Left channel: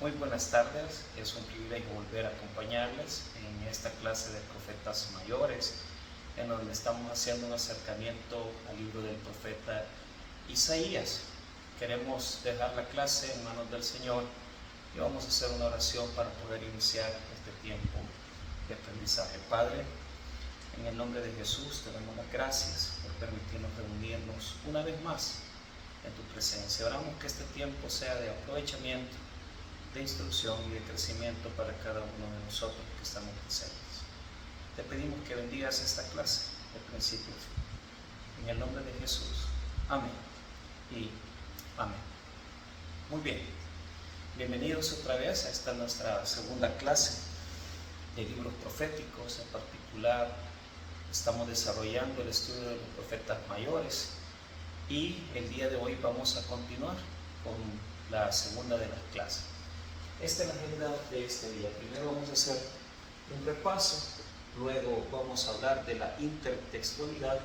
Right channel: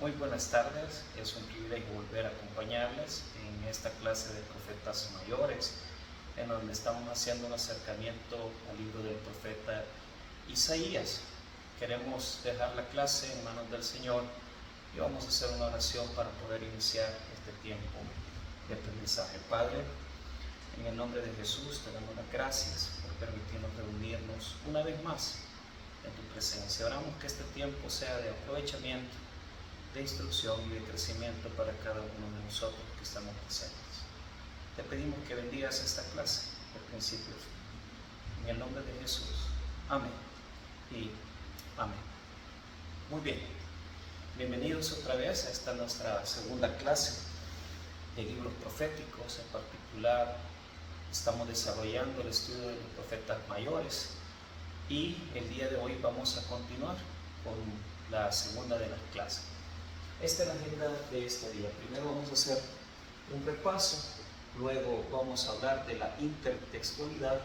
Muy buenas tardes, es un privilegio volver a acompañarles en esta clase de profetas mayores, en donde estamos haciendo un acercamiento al libro del profeta Isaías. Queremos dejar la clase en manos del Señor y vamos a hacer una oración para poder iniciar este tiempo de aprendizaje. Padre, en el nombre de Jesús te damos las gracias por permitirnos reunirnos una vez más en tu presencia. Oramos que este tiempo sea de aprovechamiento, de instrucción y de crecimiento para cada uno de nosotros que estamos presentes. Te pedimos que bendigas esta clase de principio a fin. En el nombre de Jesús. Amén y amén. Muy bien. Bienvenidos otra vez a esta nuestra segunda clase de libros proféticos. En particular, estamos desarrollando el estudio de los profetas mayores y el día de hoy vamos a continuar con la segunda de las clases. Esta es la agenda de este día. Primero vamos a hacer un repaso, luego vamos a hablar de la intertextualidad,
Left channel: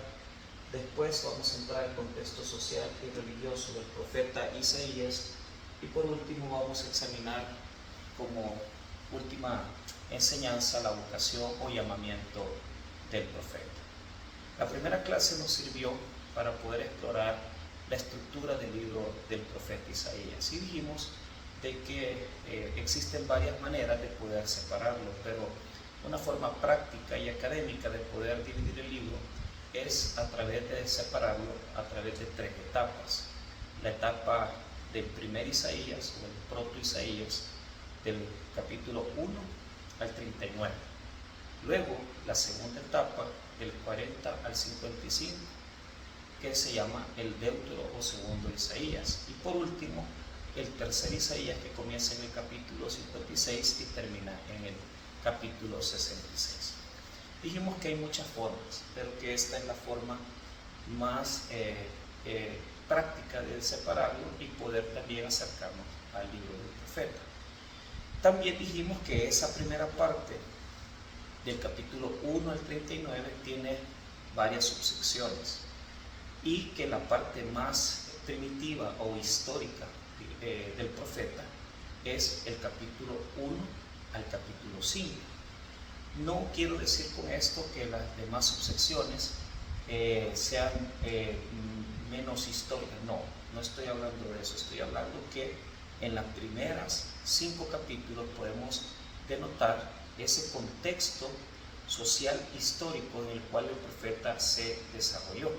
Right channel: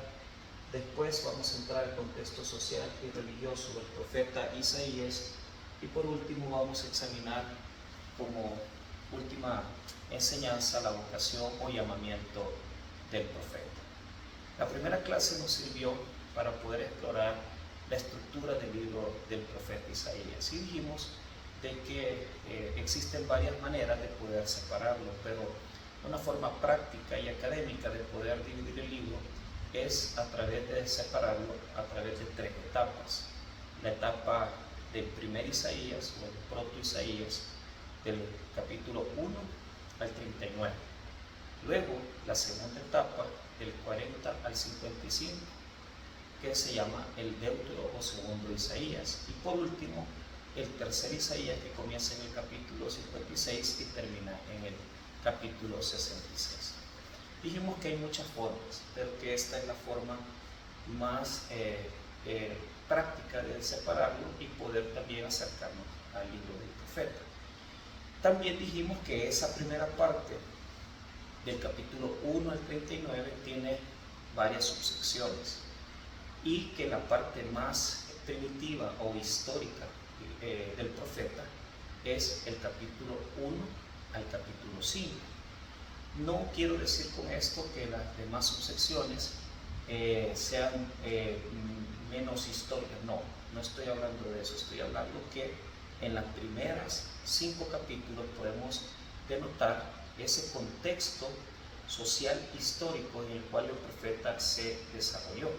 después vamos a entrar al contexto social y religioso del profeta Isaías y por último vamos a examinar como última enseñanza la vocación o llamamiento del profeta. La primera clase nos sirvió para poder explorar la estructura del libro del profeta Isaías y dijimos de que existen varias maneras de poder separarlo, pero una forma práctica y académica de poder dividir el libro es a través de separarlo a través de tres etapas. La etapa del primer Isaías o el proto Isaías, del capítulo 1 al 39. Luego la segunda etapa del 40 al 55, que se llama el Deutero o segundo Isaías. Y por último, el tercer Isaías, que comienza en el capítulo 56 y termina en el capítulo 66. Dijimos que hay muchas formas, pero que esta es la forma más práctica de separarlo y poder también acercarnos al libro del profeta. También dijimos que esa primera parte del capítulo 1 al 39 tiene varias subsecciones y que la parte más primitiva o histórica del profeta es el capítulo 1 al capítulo 5. No quiero decir con esto que las demás subsecciones sean menos históricas, no estoy hablando de eso, estoy hablando que en las primeras 5 capítulos podemos denotar ese contexto social histórico en el cual el profeta se desarrolló.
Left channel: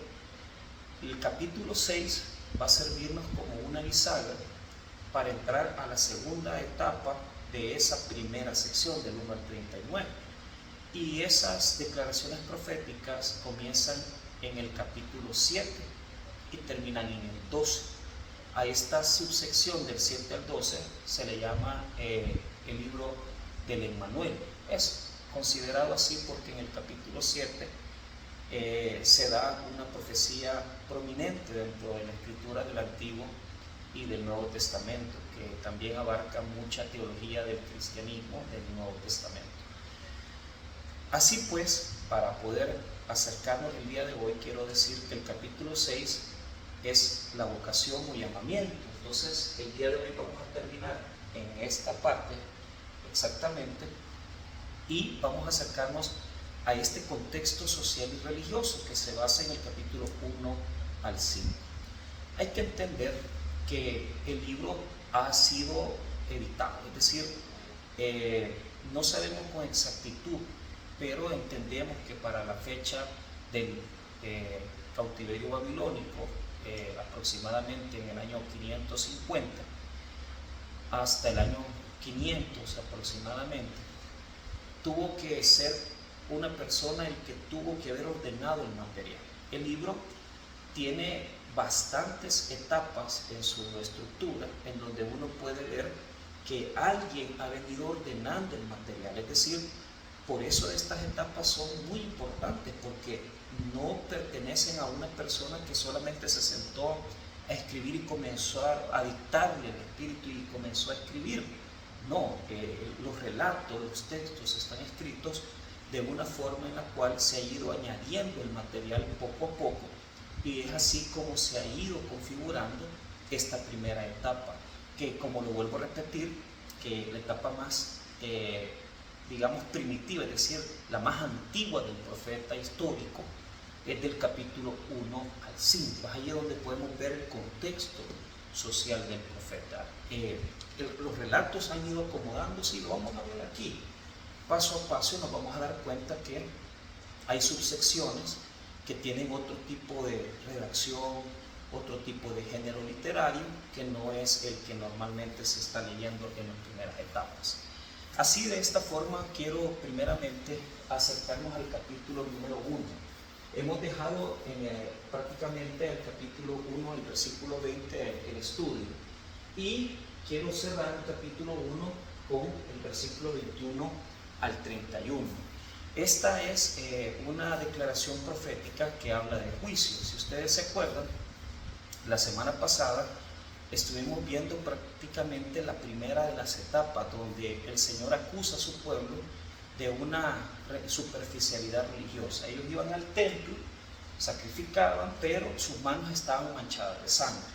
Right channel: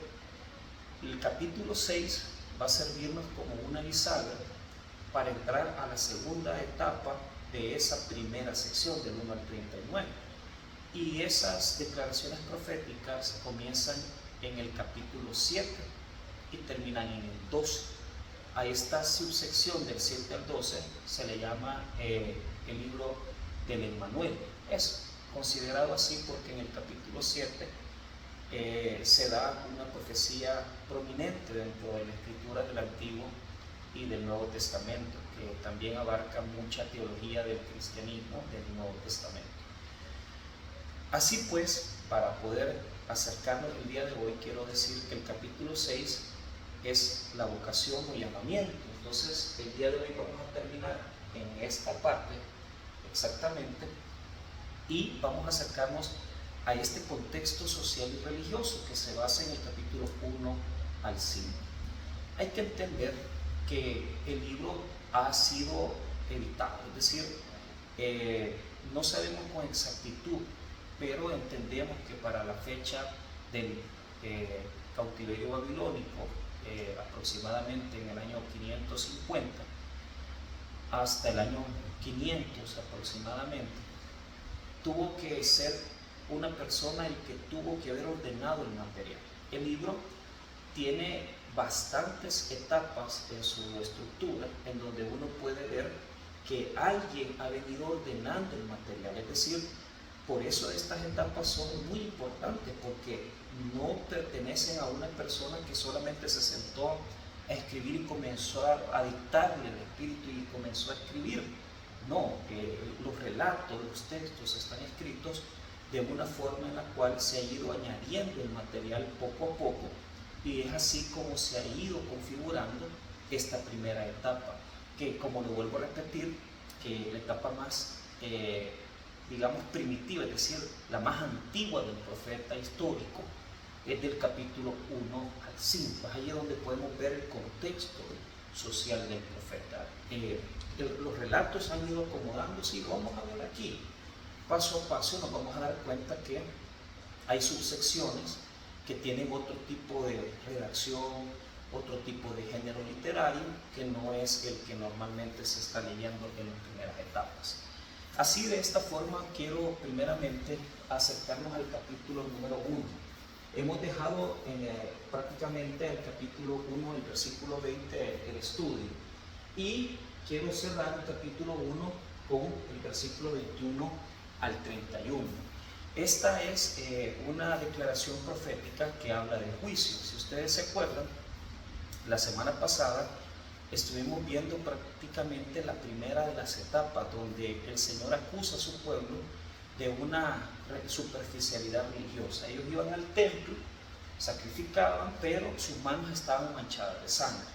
El capítulo 6 va a servirnos como una bisagra para entrar a la segunda etapa de esa primera sección del 1 al 39. Y esas declaraciones proféticas comienzan en el capítulo 7 y terminan en el 12. A esta subsección del 7 al 12 se le llama el libro del Emmanuel. Es considerado así porque en el capítulo 7 se da una profecía prominente dentro de la escritura del Antiguo y del Nuevo Testamento, que también abarca mucha teología del cristianismo del Nuevo Testamento. Así pues, para poder acercarnos el día de hoy, quiero decir que el capítulo 6 es la vocación o llamamiento. Entonces, el día de hoy vamos a terminar en esta parte exactamente y vamos a acercarnos a este contexto social y religioso que se basa en el capítulo 1 al 5. Hay que entender que el libro ha sido editado, es decir, no sabemos con exactitud, pero entendemos que para la fecha del cautiverio babilónico, aproximadamente en el año 550 hasta el año 500 aproximadamente, tuvo que ser una persona el que tuvo que haber ordenado el material. El libro tiene bastantes etapas en su estructura en donde uno puede ver que alguien ha venido ordenando el material, es decir, por eso estas etapas son muy importantes, porque no pertenecen a una persona que solamente se sentó a escribir y comenzó a dictarle el espíritu y comenzó a escribir. No, los relatos, los textos están escritos de una forma en la cual se ha ido añadiendo el material poco a poco, y es así como se ha ido configurando esta primera etapa, que, como lo vuelvo a repetir, que la etapa más, digamos, primitiva, es decir, la más antigua del profeta histórico, es del capítulo 1 al 5. Es ahí donde podemos ver el contexto social del profeta. Los relatos han ido acomodándose y lo vamos a ver aquí. Paso a paso nos vamos a dar cuenta que hay subsecciones que tienen otro tipo de redacción, otro tipo de género literario, que no es el que normalmente se está leyendo en las primeras etapas. Así, de esta forma, quiero primeramente acercarnos al capítulo número 1. Hemos dejado prácticamente el capítulo 1, el versículo 20, el estudio. Y quiero cerrar el capítulo 1 con el versículo 21 al 31. Esta es una declaración profética que habla del juicio. Si ustedes se acuerdan, la semana pasada estuvimos viendo prácticamente la primera de las etapas donde el Señor acusa a su pueblo de una superficialidad religiosa. Ellos iban al templo, sacrificaban, pero sus manos estaban manchadas de sangre.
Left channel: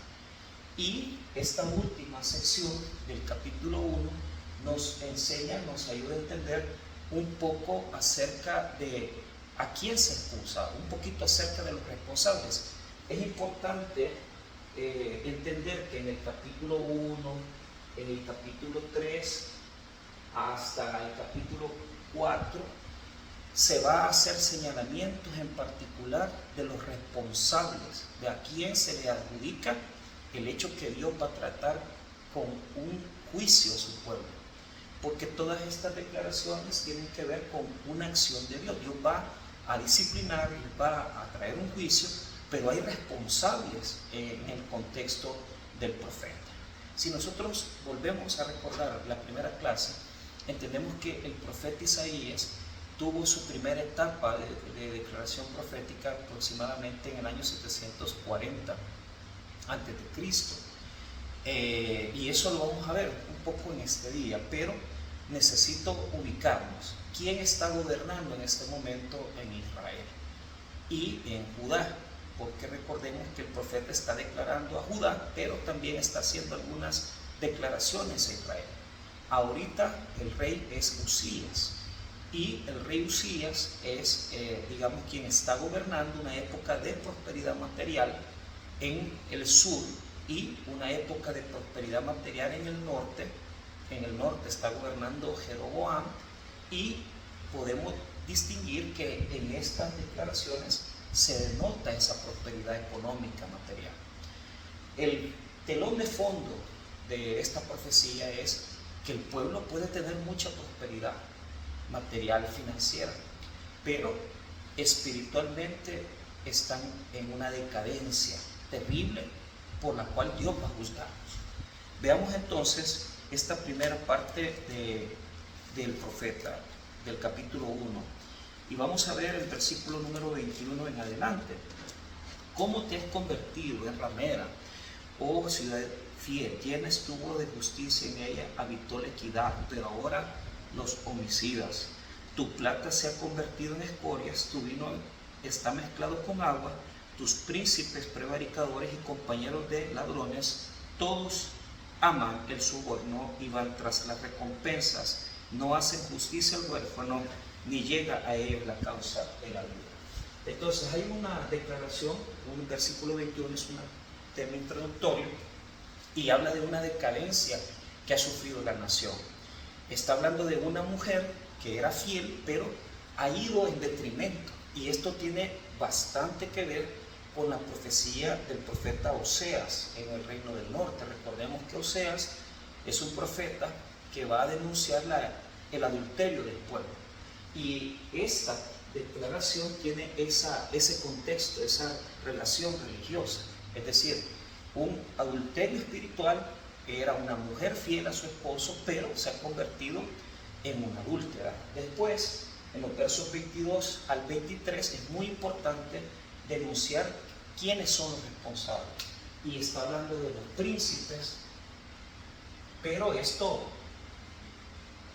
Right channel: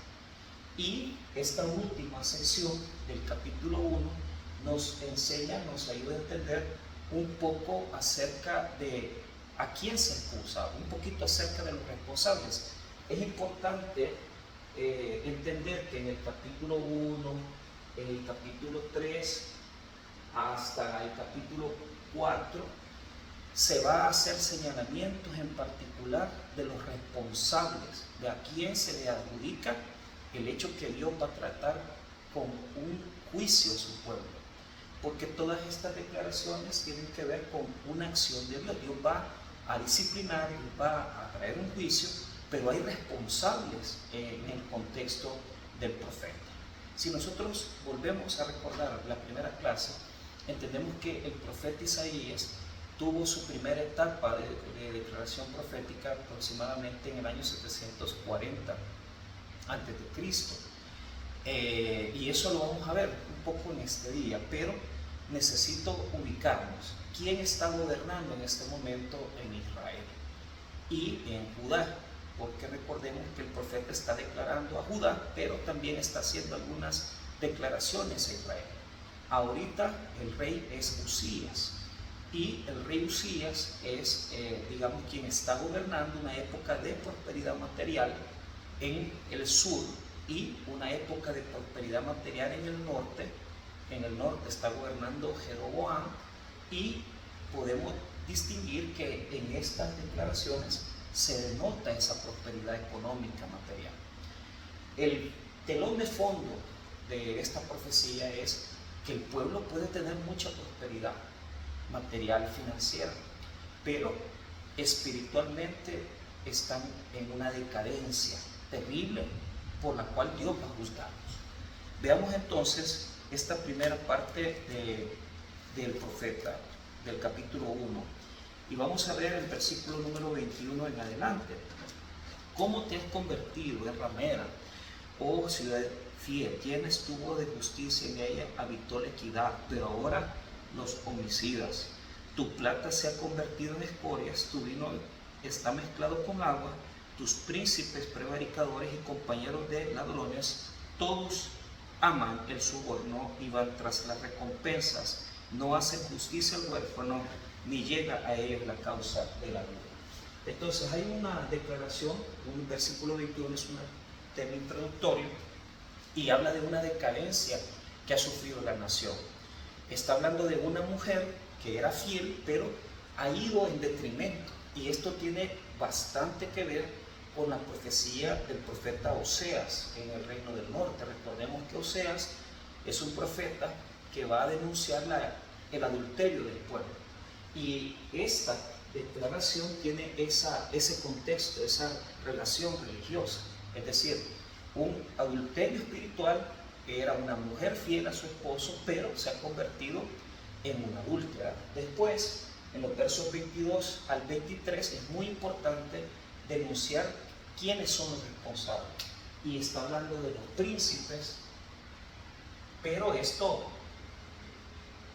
Y esta última sección del capítulo 1 nos enseña, nos ayuda a entender un poco acerca de a quién se acusa, un poquito acerca de los responsables. Es importante entender que en el capítulo 1, en el capítulo 3, hasta el capítulo 4, se va a hacer señalamientos en particular de los responsables, de a quién se le adjudica el hecho que Dios va a tratar con un juicio a su pueblo. Porque todas estas declaraciones tienen que ver con una acción de Dios. Dios va a disciplinar, Dios va a traer un juicio, pero hay responsables en el contexto del profeta. Si nosotros volvemos a recordar la primera clase, entendemos que el profeta Isaías tuvo su primera etapa de declaración profética aproximadamente en el año 740 a.C. Y eso lo vamos a ver un poco en este día, pero necesito ubicarnos. ¿Quién está gobernando en este momento en Israel y en Judá? Porque recordemos que el profeta está declarando a Judá, pero también está haciendo algunas declaraciones a Israel. Ahorita el rey es Usías, y el rey Usías es, digamos, quien está gobernando una época de prosperidad material en el sur y una época de prosperidad material en el norte. En el norte está gobernando Jeroboam, y podemos distinguir que en estas declaraciones se denota esa prosperidad económica material. El telón de fondo de esta profecía es que el pueblo puede tener mucha prosperidad material y financiera, pero espiritualmente están en una decadencia terrible por la cual Dios va a juzgarlos. Veamos entonces esta primera parte del profeta, del capítulo 1, y vamos a ver el versículo número 21 en adelante. ¿Cómo te has convertido en ramera, oh ciudad fiel? ¿Quién estuvo de justicia en ella? Habitó la equidad, pero ahora los homicidas. Tu plata se ha convertido en escorias, tu vino está mezclado con agua, tus príncipes prevaricadores y compañeros de ladrones, todos aman el soborno y van tras las recompensas, no hacen justicia al huérfano, ni llega a ellos la causa de la vida. Entonces hay una declaración, un versículo 21 es un tema introductorio y habla de una decadencia que ha sufrido la nación. Está hablando de una mujer que era fiel, pero ha ido en detrimento, y esto tiene bastante que ver con la profecía del profeta Oseas en el reino del norte. Recordemos que Oseas es un profeta que va a denunciar el adulterio del pueblo, y esta declaración tiene ese contexto, esa relación religiosa, es decir, un adulterio espiritual. Era una mujer fiel a su esposo, pero se ha convertido en una adúltera. Después, en los versos 22 al 23, es muy importante denunciar quiénes son los responsables. Y está hablando de los príncipes, pero es todo.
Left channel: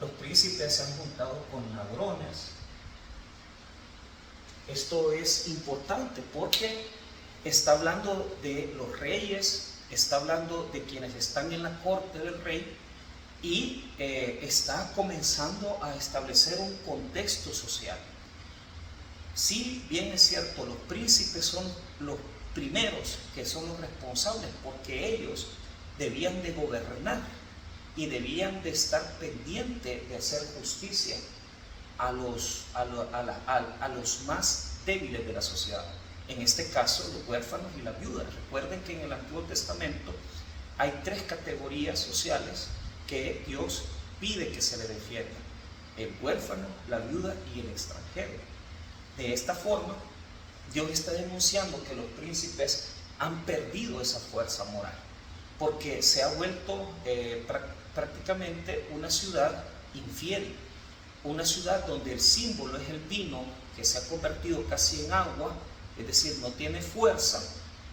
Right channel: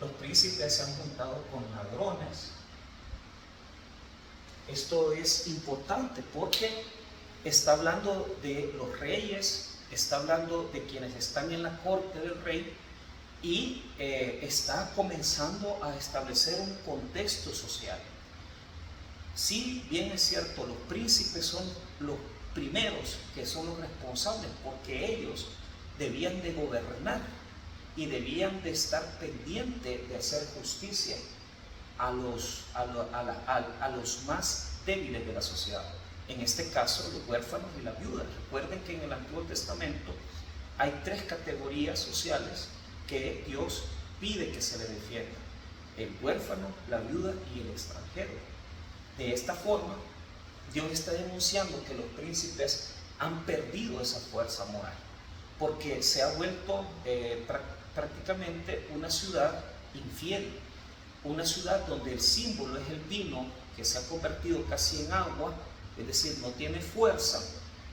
Los príncipes se han juntado con ladrones. Esto es importante porque está hablando de los reyes, está hablando de quienes están en la corte del rey, y está comenzando a establecer un contexto social. Sí, bien es cierto, los príncipes son los primeros que son los responsables, porque ellos debían de gobernar y debían de estar pendientes de hacer justicia a los más débiles de la sociedad. En este caso, los huérfanos y las viudas. Recuerden que en el Antiguo Testamento hay 3 categorías sociales que Dios pide que se le defienda: el huérfano, la viuda y el extranjero. De esta forma, Dios está denunciando que los príncipes han perdido esa fuerza moral, porque se ha vuelto prácticamente una ciudad infiel, una ciudad donde el símbolo es el vino, que se ha convertido casi en agua, es decir, no tiene fuerza,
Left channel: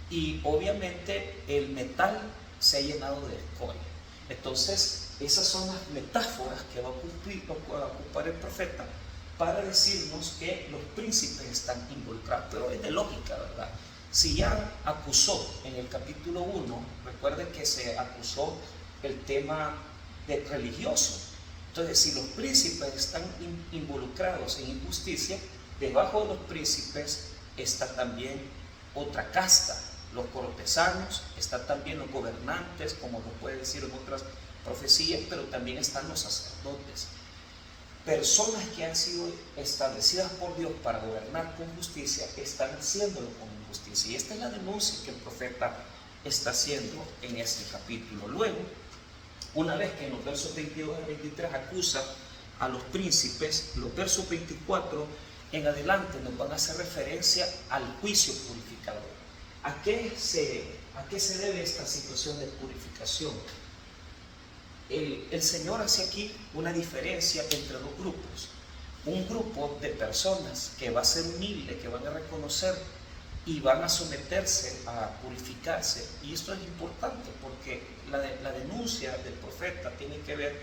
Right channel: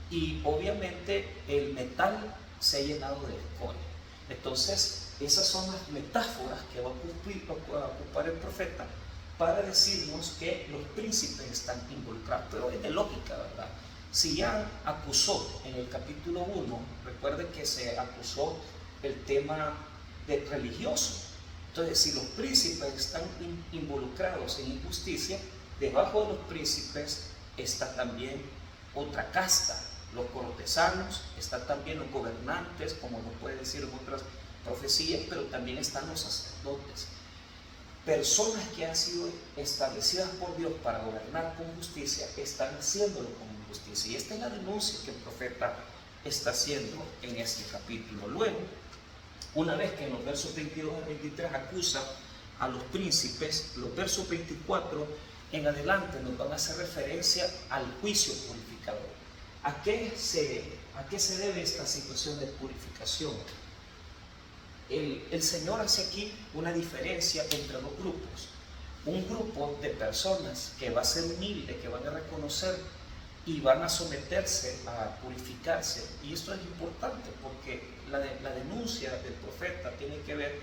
y obviamente el metal se ha llenado de escoria. Entonces, esas son las metáforas que va a ocupar el profeta para decirnos que los príncipes están involucrados. Pero es de lógica, ¿verdad? Si ya acusó en el capítulo 1, recuerden que se acusó el tema de religioso. Entonces, si los príncipes están involucrados en injusticia, debajo de los príncipes está también otra casta, los cortesanos, están también los gobernantes, como lo puede decir en otras profecías, pero también están los sacerdotes. Personas que han sido establecidas por Dios para gobernar con justicia, están haciéndolo con injusticia. Y esta es la denuncia que el profeta está haciendo en este capítulo. Luego, una vez que en los versos 22 al 23 acusa a los príncipes, los versos 24 en adelante nos van a hacer referencia al juicio purificador. ¿A qué se debe esta situación de purificación? El Señor hace aquí una diferencia entre dos grupos. Un grupo de personas que va a ser humilde, que van a reconocer y van a someterse a purificarse. Y esto es importante porque la denuncia del profeta tiene que ver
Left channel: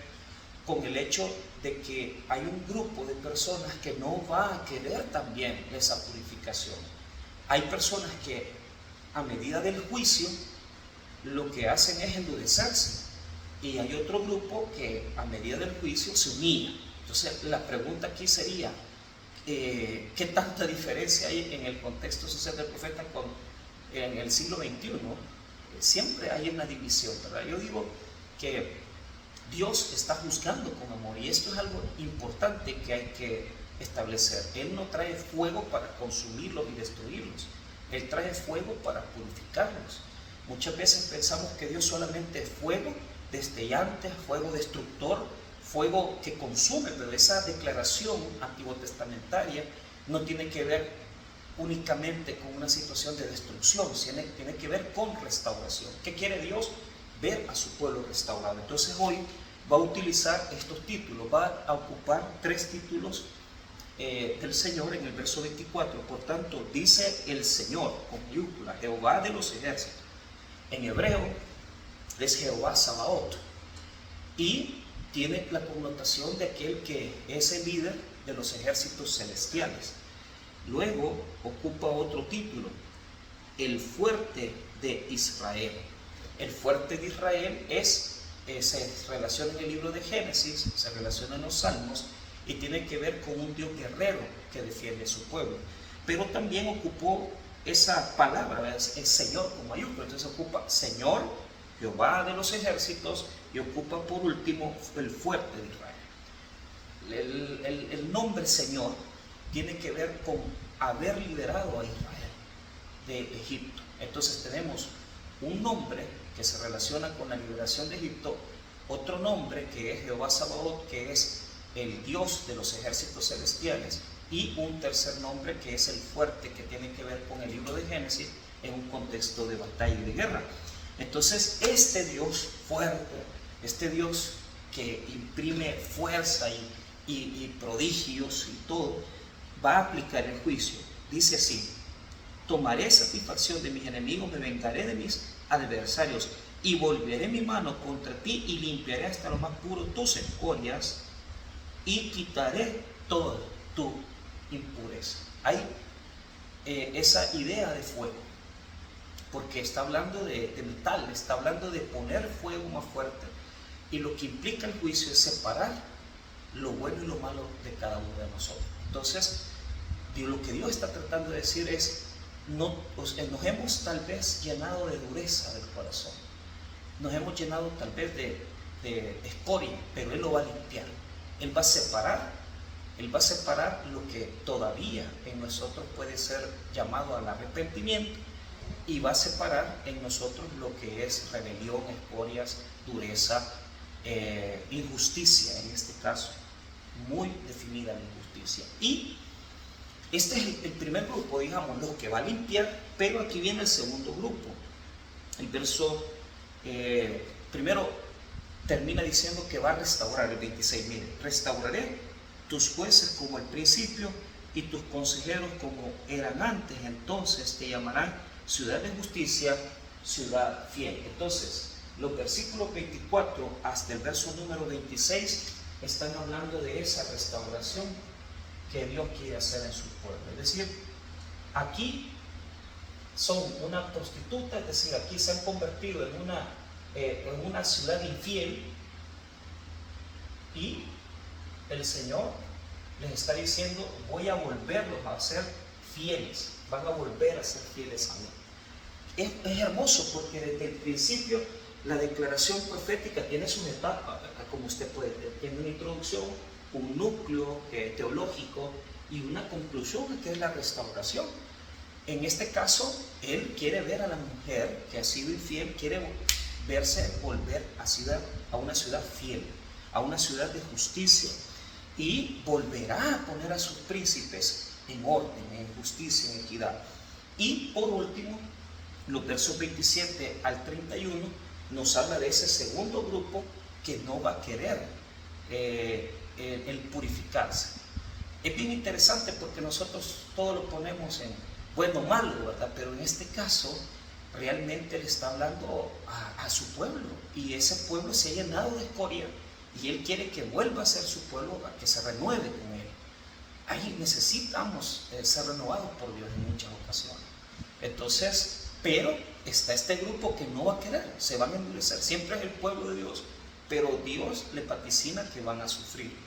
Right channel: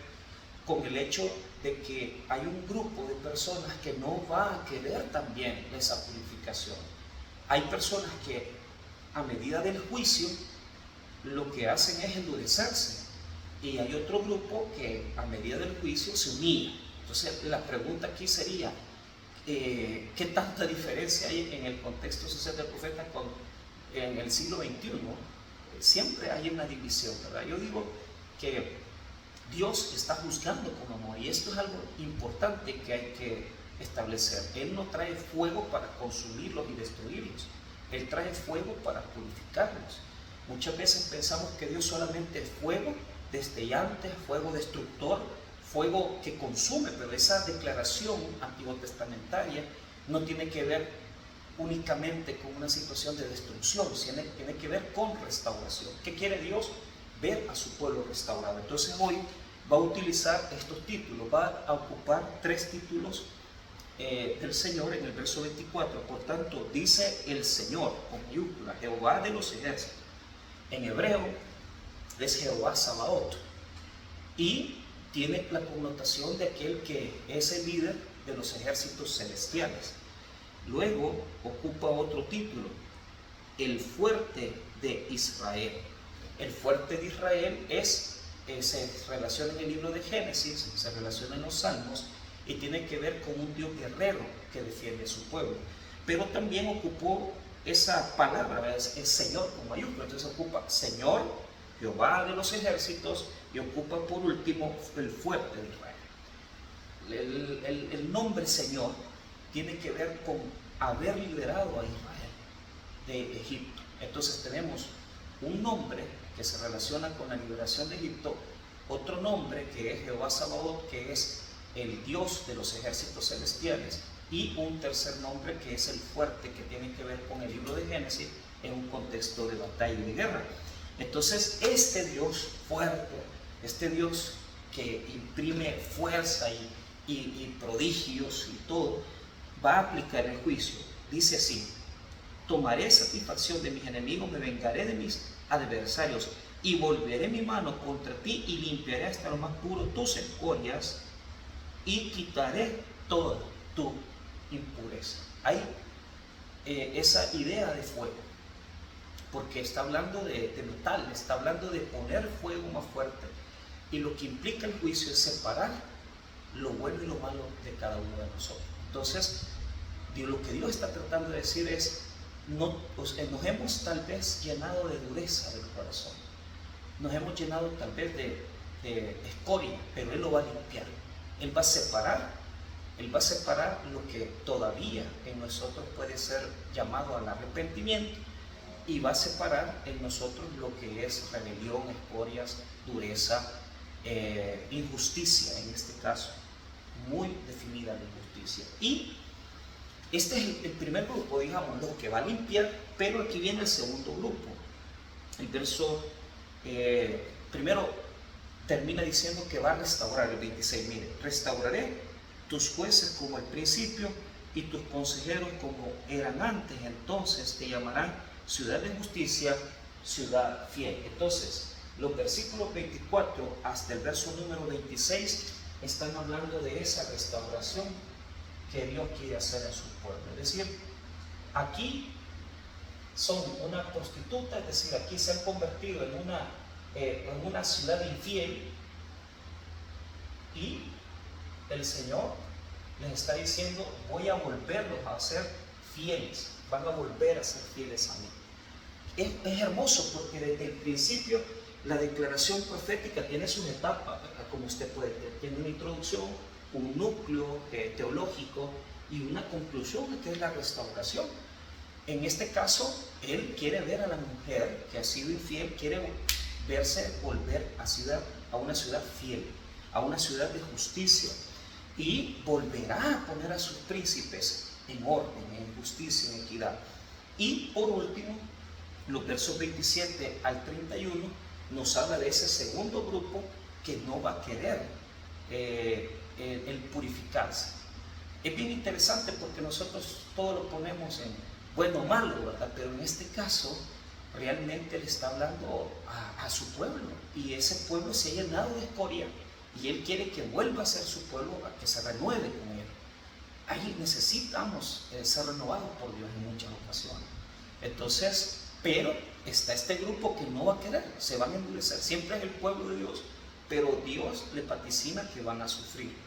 con el hecho de que hay un grupo de personas que no va a querer también esa purificación. Hay personas que a medida del juicio lo que hacen es endurecerse, y hay otro grupo que a medida del juicio se humilla. Entonces la pregunta aquí sería, ¿qué tanta diferencia hay en el contexto social del profeta en el siglo XXI? Siempre hay una división, ¿verdad? Yo digo que Dios está juzgando con amor, y esto es algo importante que hay que establecer. Él no trae fuego para consumirlos y destruirlos, Él trae fuego para purificarlos. Muchas veces pensamos que Dios solamente es fuego destellante, fuego destructor, fuego que consume, pero esa declaración antiguotestamentaria no tiene que ver únicamente con una situación de destrucción, tiene que ver con restauración. ¿Qué quiere Dios? Ver a su pueblo restaurado. Entonces hoy va a utilizar estos títulos, va a ocupar 3 títulos del Señor en el verso 24. Por tanto, dice el Señor, con mayúscula, Jehová de los ejércitos. En hebreo es Jehová Sabaoth, y tiene la connotación de aquel que es el líder de los ejércitos celestiales. Luego ocupa otro título, el fuerte de Israel. El fuerte de Israel se relaciona en el libro de Génesis, se relaciona en los Salmos, y tiene que ver con un Dios guerrero que defiende a su pueblo. Pero también ocupó esa palabra, es Señor con mayúscula. Entonces ocupa Señor, Jehová de los ejércitos, y ocupa por último el fuerte de Israel. El nombre Señor tiene que ver con haber liberado a Israel de Egipto. Entonces tenemos un nombre que se relaciona con la liberación de Egipto, otro nombre que es Jehová Sabaoth, que es el Dios de los ejércitos celestiales, y un tercer nombre que es el fuerte, que tiene que ver con el libro de Génesis en un contexto de batalla y de guerra. Entonces este Dios fuerte, este Dios que imprime fuerza y prodigios y todo, va a aplicar el juicio. Dice así: tomaré satisfacción de mis enemigos, me vengaré de mis adversarios, y volveré mi mano contra ti, y limpiaré hasta lo más puro tus escorias, y quitaré toda tu impureza. Hay esa idea de fuego, porque está hablando de metal, está hablando de poner fuego más fuerte. Y lo que implica el juicio es separar lo bueno y lo malo de cada uno de nosotros. Entonces, lo que Dios está tratando de decir es, nos hemos tal vez llenado de dureza del corazón, nos hemos llenado tal vez de escoria, pero Él lo va a limpiar. Él va a separar lo que todavía en nosotros puede ser llamado al arrepentimiento, y va a separar en nosotros lo que es rebelión, escorias, dureza, injusticia en este caso, muy definida la injusticia. Y este es el primer grupo, digamos, lo que va a limpiar, pero aquí viene el segundo grupo. El verso primero termina diciendo que va a restaurar, el 26, mire, restauraré tus jueces como al principio y tus consejeros como eran antes, entonces te llamarán ciudad de justicia, ciudad fiel. Entonces, los versículos 24 hasta el verso número 26 están hablando de esa restauración que Dios quiere hacer en su pueblo. Es decir, aquí son una prostituta, es decir, aquí se han convertido en una ciudad infiel, y el Señor les está diciendo, voy a volverlos a ser fieles, van a volver a ser fieles a mí. Es hermoso porque desde el principio la declaración profética tiene sus etapas, como usted puede ver, tiene una introducción, un núcleo teológico y una conclusión que es la restauración. En este caso, Él quiere ver a la mujer que ha sido infiel, quiere verse volver a una ciudad fiel, a una ciudad de justicia, y volverá a poner a sus príncipes en orden, en justicia, en equidad. Y por último, los versos 27 al 31 nos habla de ese segundo grupo que no va a querer el purificarse. Es bien interesante porque nosotros todo lo ponemos en bueno o malo, ¿verdad? Pero en este caso realmente le está hablando a su pueblo, y ese pueblo se ha llenado de escoria, y Él quiere que vuelva a ser su pueblo, a que se renueve con Él. Ahí necesitamos ser renovados por Dios en muchas ocasiones. Entonces, pero está este grupo que no va a querer, se van a endurecer. Siempre es el pueblo de Dios, pero Dios le vaticina que van a sufrir.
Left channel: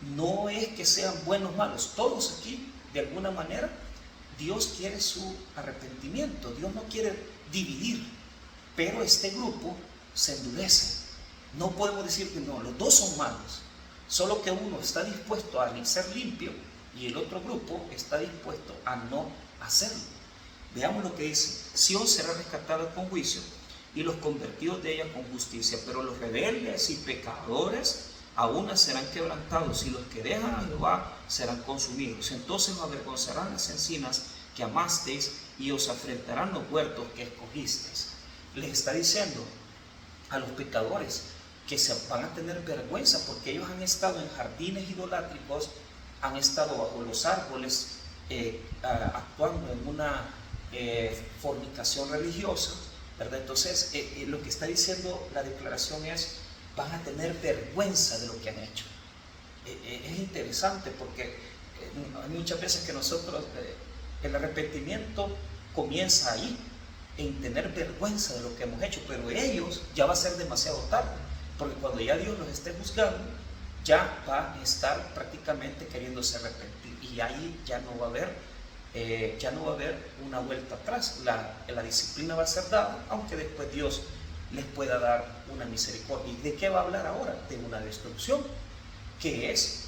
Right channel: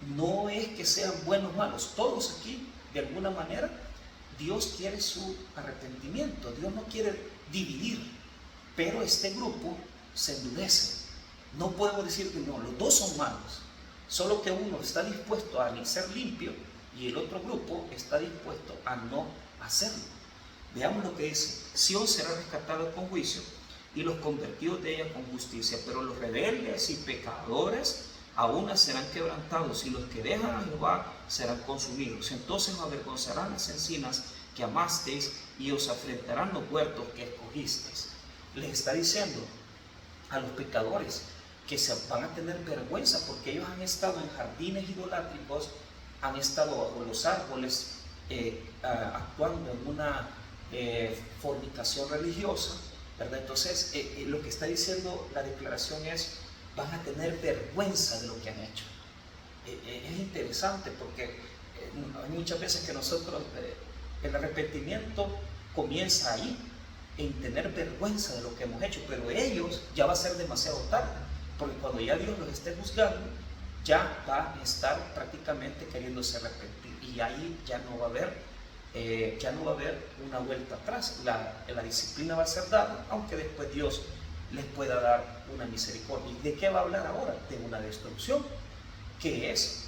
No es que sean buenos o malos, todos aquí, de alguna manera, Dios quiere su arrepentimiento, Dios no quiere dividir, pero este grupo se endurece. No podemos decir que no, los dos son malos, solo que uno está dispuesto a ser limpio y el otro grupo está dispuesto a no hacerlo. Veamos lo que dice: Sión será rescatada con juicio y los convertidos de ella con justicia, pero los rebeldes y pecadores aún serán quebrantados, y los que dejan a Jehová serán consumidos. Entonces os avergonzarán las encinas que amasteis y os afrentarán los huertos que escogisteis. Les está diciendo a los pecadores que se van a tener vergüenza porque ellos han estado en jardines idolátricos, han estado bajo los árboles, actuando en una fornicación religiosa, ¿verdad? Entonces lo que está diciendo la declaración es: van a tener vergüenza de lo que han hecho. Es interesante porque hay muchas veces que nosotros el arrepentimiento comienza ahí, en tener vergüenza de lo que hemos hecho, pero ellos ya va a ser demasiado tarde, porque cuando ya Dios los esté juzgando, ya va a estar prácticamente queriéndose arrepentir, y ahí ya no va a haber una vuelta atrás. La disciplina va a ser dada, aunque después Dios les pueda dar una misericordia. ¿Y de qué va a hablar ahora? De una destrucción, que es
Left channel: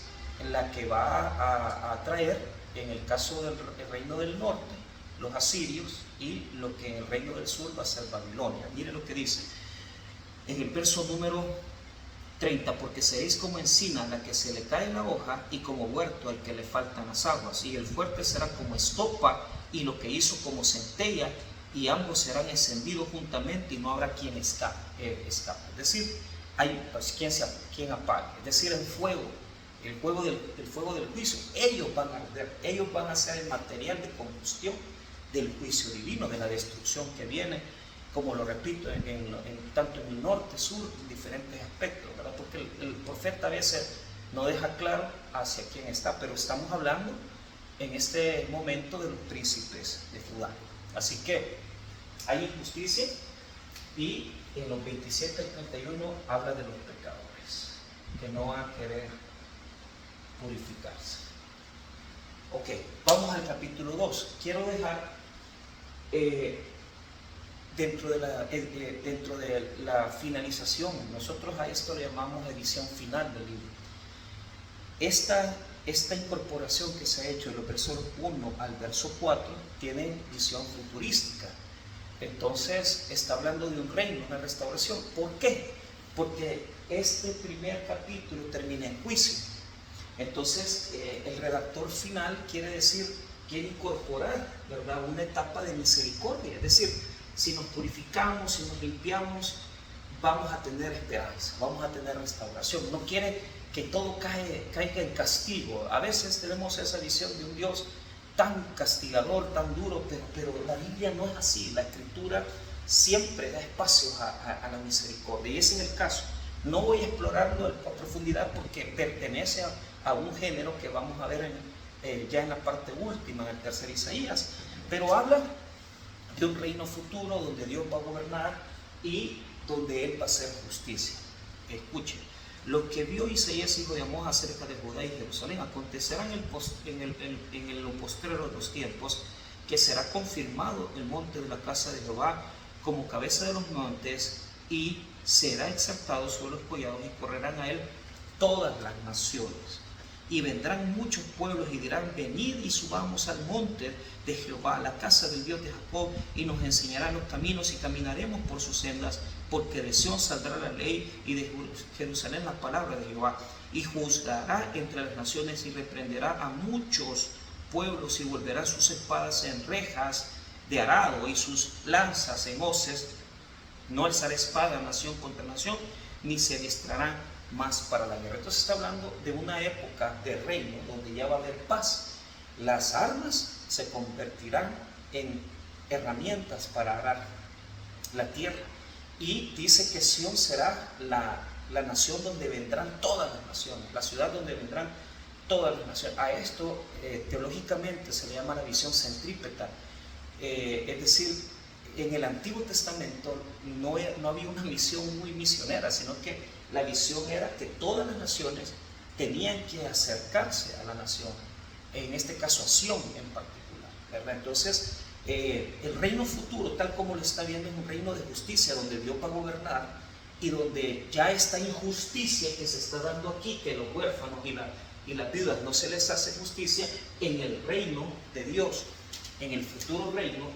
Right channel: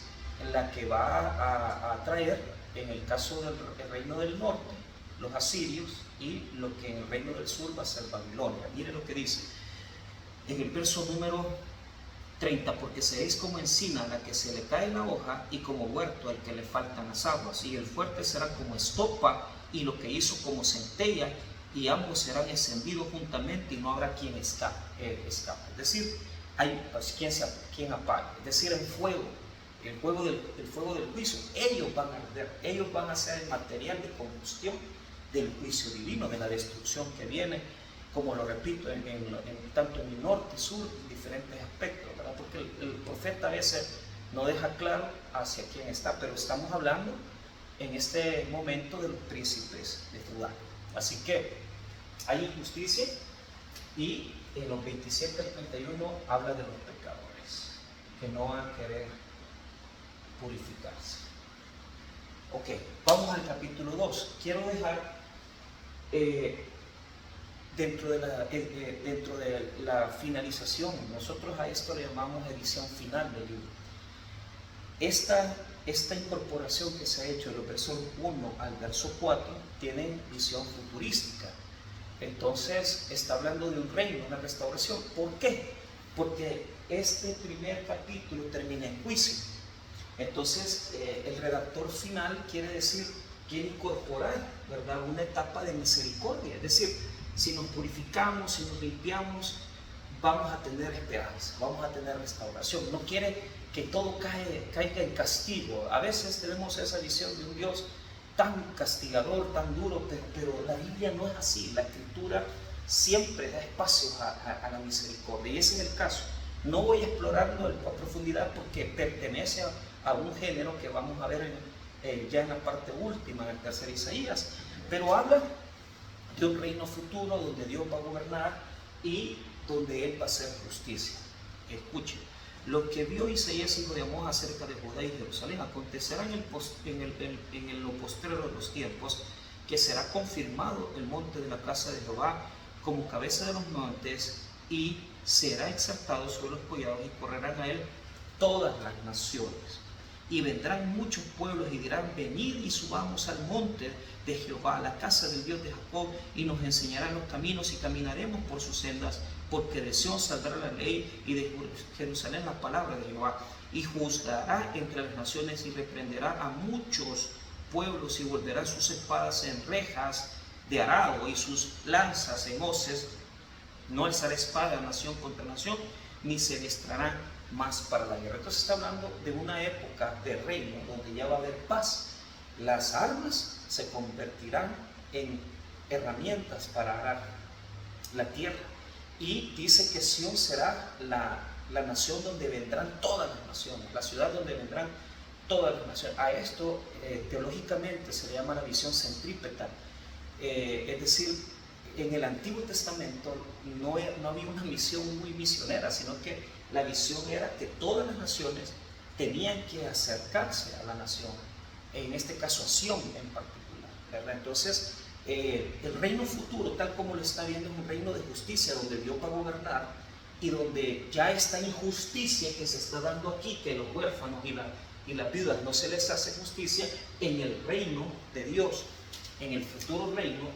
la que va a traer, en el caso del reino del norte, los asirios, y lo que en el reino del sur va a ser Babilonia. Mire lo que dice en el verso número 30: porque seréis como encina a la que se le cae la hoja, y como huerto al que le faltan las aguas, y el fuerte será como estopa, y lo que hizo como centella, y ambos serán encendidos juntamente, y no habrá quien escape. Es decir, hay quien apague. Es decir, el fuego del juicio, ellos van a arder, ellos van a ser el material de combustión del juicio divino, de la destrucción que viene, como lo repito, tanto en el norte, sur, en diferentes aspectos, ¿verdad? Porque el profeta a veces no deja claro hacia quién está, pero estamos hablando en este momento de los príncipes de Judá. Así que hay injusticia, y en los 27 al 31 habla de los pecados. que no van a querer purificarse. Ok, vamos al capítulo 2. Quiero dejar dentro de la finalización, nosotros a esto le llamamos edición final del libro. Esta incorporación que se ha hecho de los versos 1 al verso 4 tiene visión futurística. Entonces está hablando de un reino, una restauración. ¿Por qué? Porque este primer capítulo termina en juicio. Entonces el redactor final quiere incorporar, ¿verdad?, una etapa de misericordia. Es decir, si nos purificamos, si nos limpiamos, vamos a tener esperanza, vamos a tener restauración. No quiere que todo caiga en castigo. A veces tenemos esa visión de un Dios tan castigador, tan duro, pero la Biblia no es así. La Escritura siempre da espacios a la misericordia, y ese es el caso. No voy a explorarlo a profundidad porque pertenece a un género que vamos a ver ya en la parte última, en el tercer Isaías, pero habla de un reino futuro donde Dios va a gobernar y donde Él va a hacer justicia. Escuchen, lo que vio Isaías, hijo de Amós, acerca de Judá y Jerusalén, acontecerá en lo postrero de los tiempos, que será confirmado el monte de la casa de Jehová como cabeza de los montes, y será exaltado sobre los collados, y correrán a él todas las naciones. Y vendrán muchos pueblos y dirán: venid y subamos al monte de Jehová, a la casa del Dios de Jacob, y nos enseñará los caminos, y caminaremos por sus sendas, porque de Sión saldrá la ley, y de Jerusalén la palabra de Jehová. Y juzgará entre las naciones, y reprenderá a muchos pueblos, y volverá sus espadas en rejas de arado, y sus lanzas en hoces. No alzará espada nación contra nación, ni se adiestrarán más para la guerra. Entonces está hablando de una época de reino donde ya va a haber paz. Las armas se convertirán en herramientas para arar la tierra. Y dice que Sión será la nación donde vendrán todas las naciones, la ciudad donde vendrán todas las naciones. A esto teológicamente se le llama la visión centrípeta. Es decir, en el Antiguo Testamento no había una misión muy misionera, sino que la visión era que todas las naciones tenían que acercarse a la nación, en este caso a Sión en particular, ¿verdad? Entonces, el reino futuro, tal como lo está viendo, es un reino de justicia, donde Dios va a gobernar, y donde ya esta injusticia que se está dando aquí, que los huérfanos y las viudas no se les hace justicia, en el reino de Dios, en el futuro reino,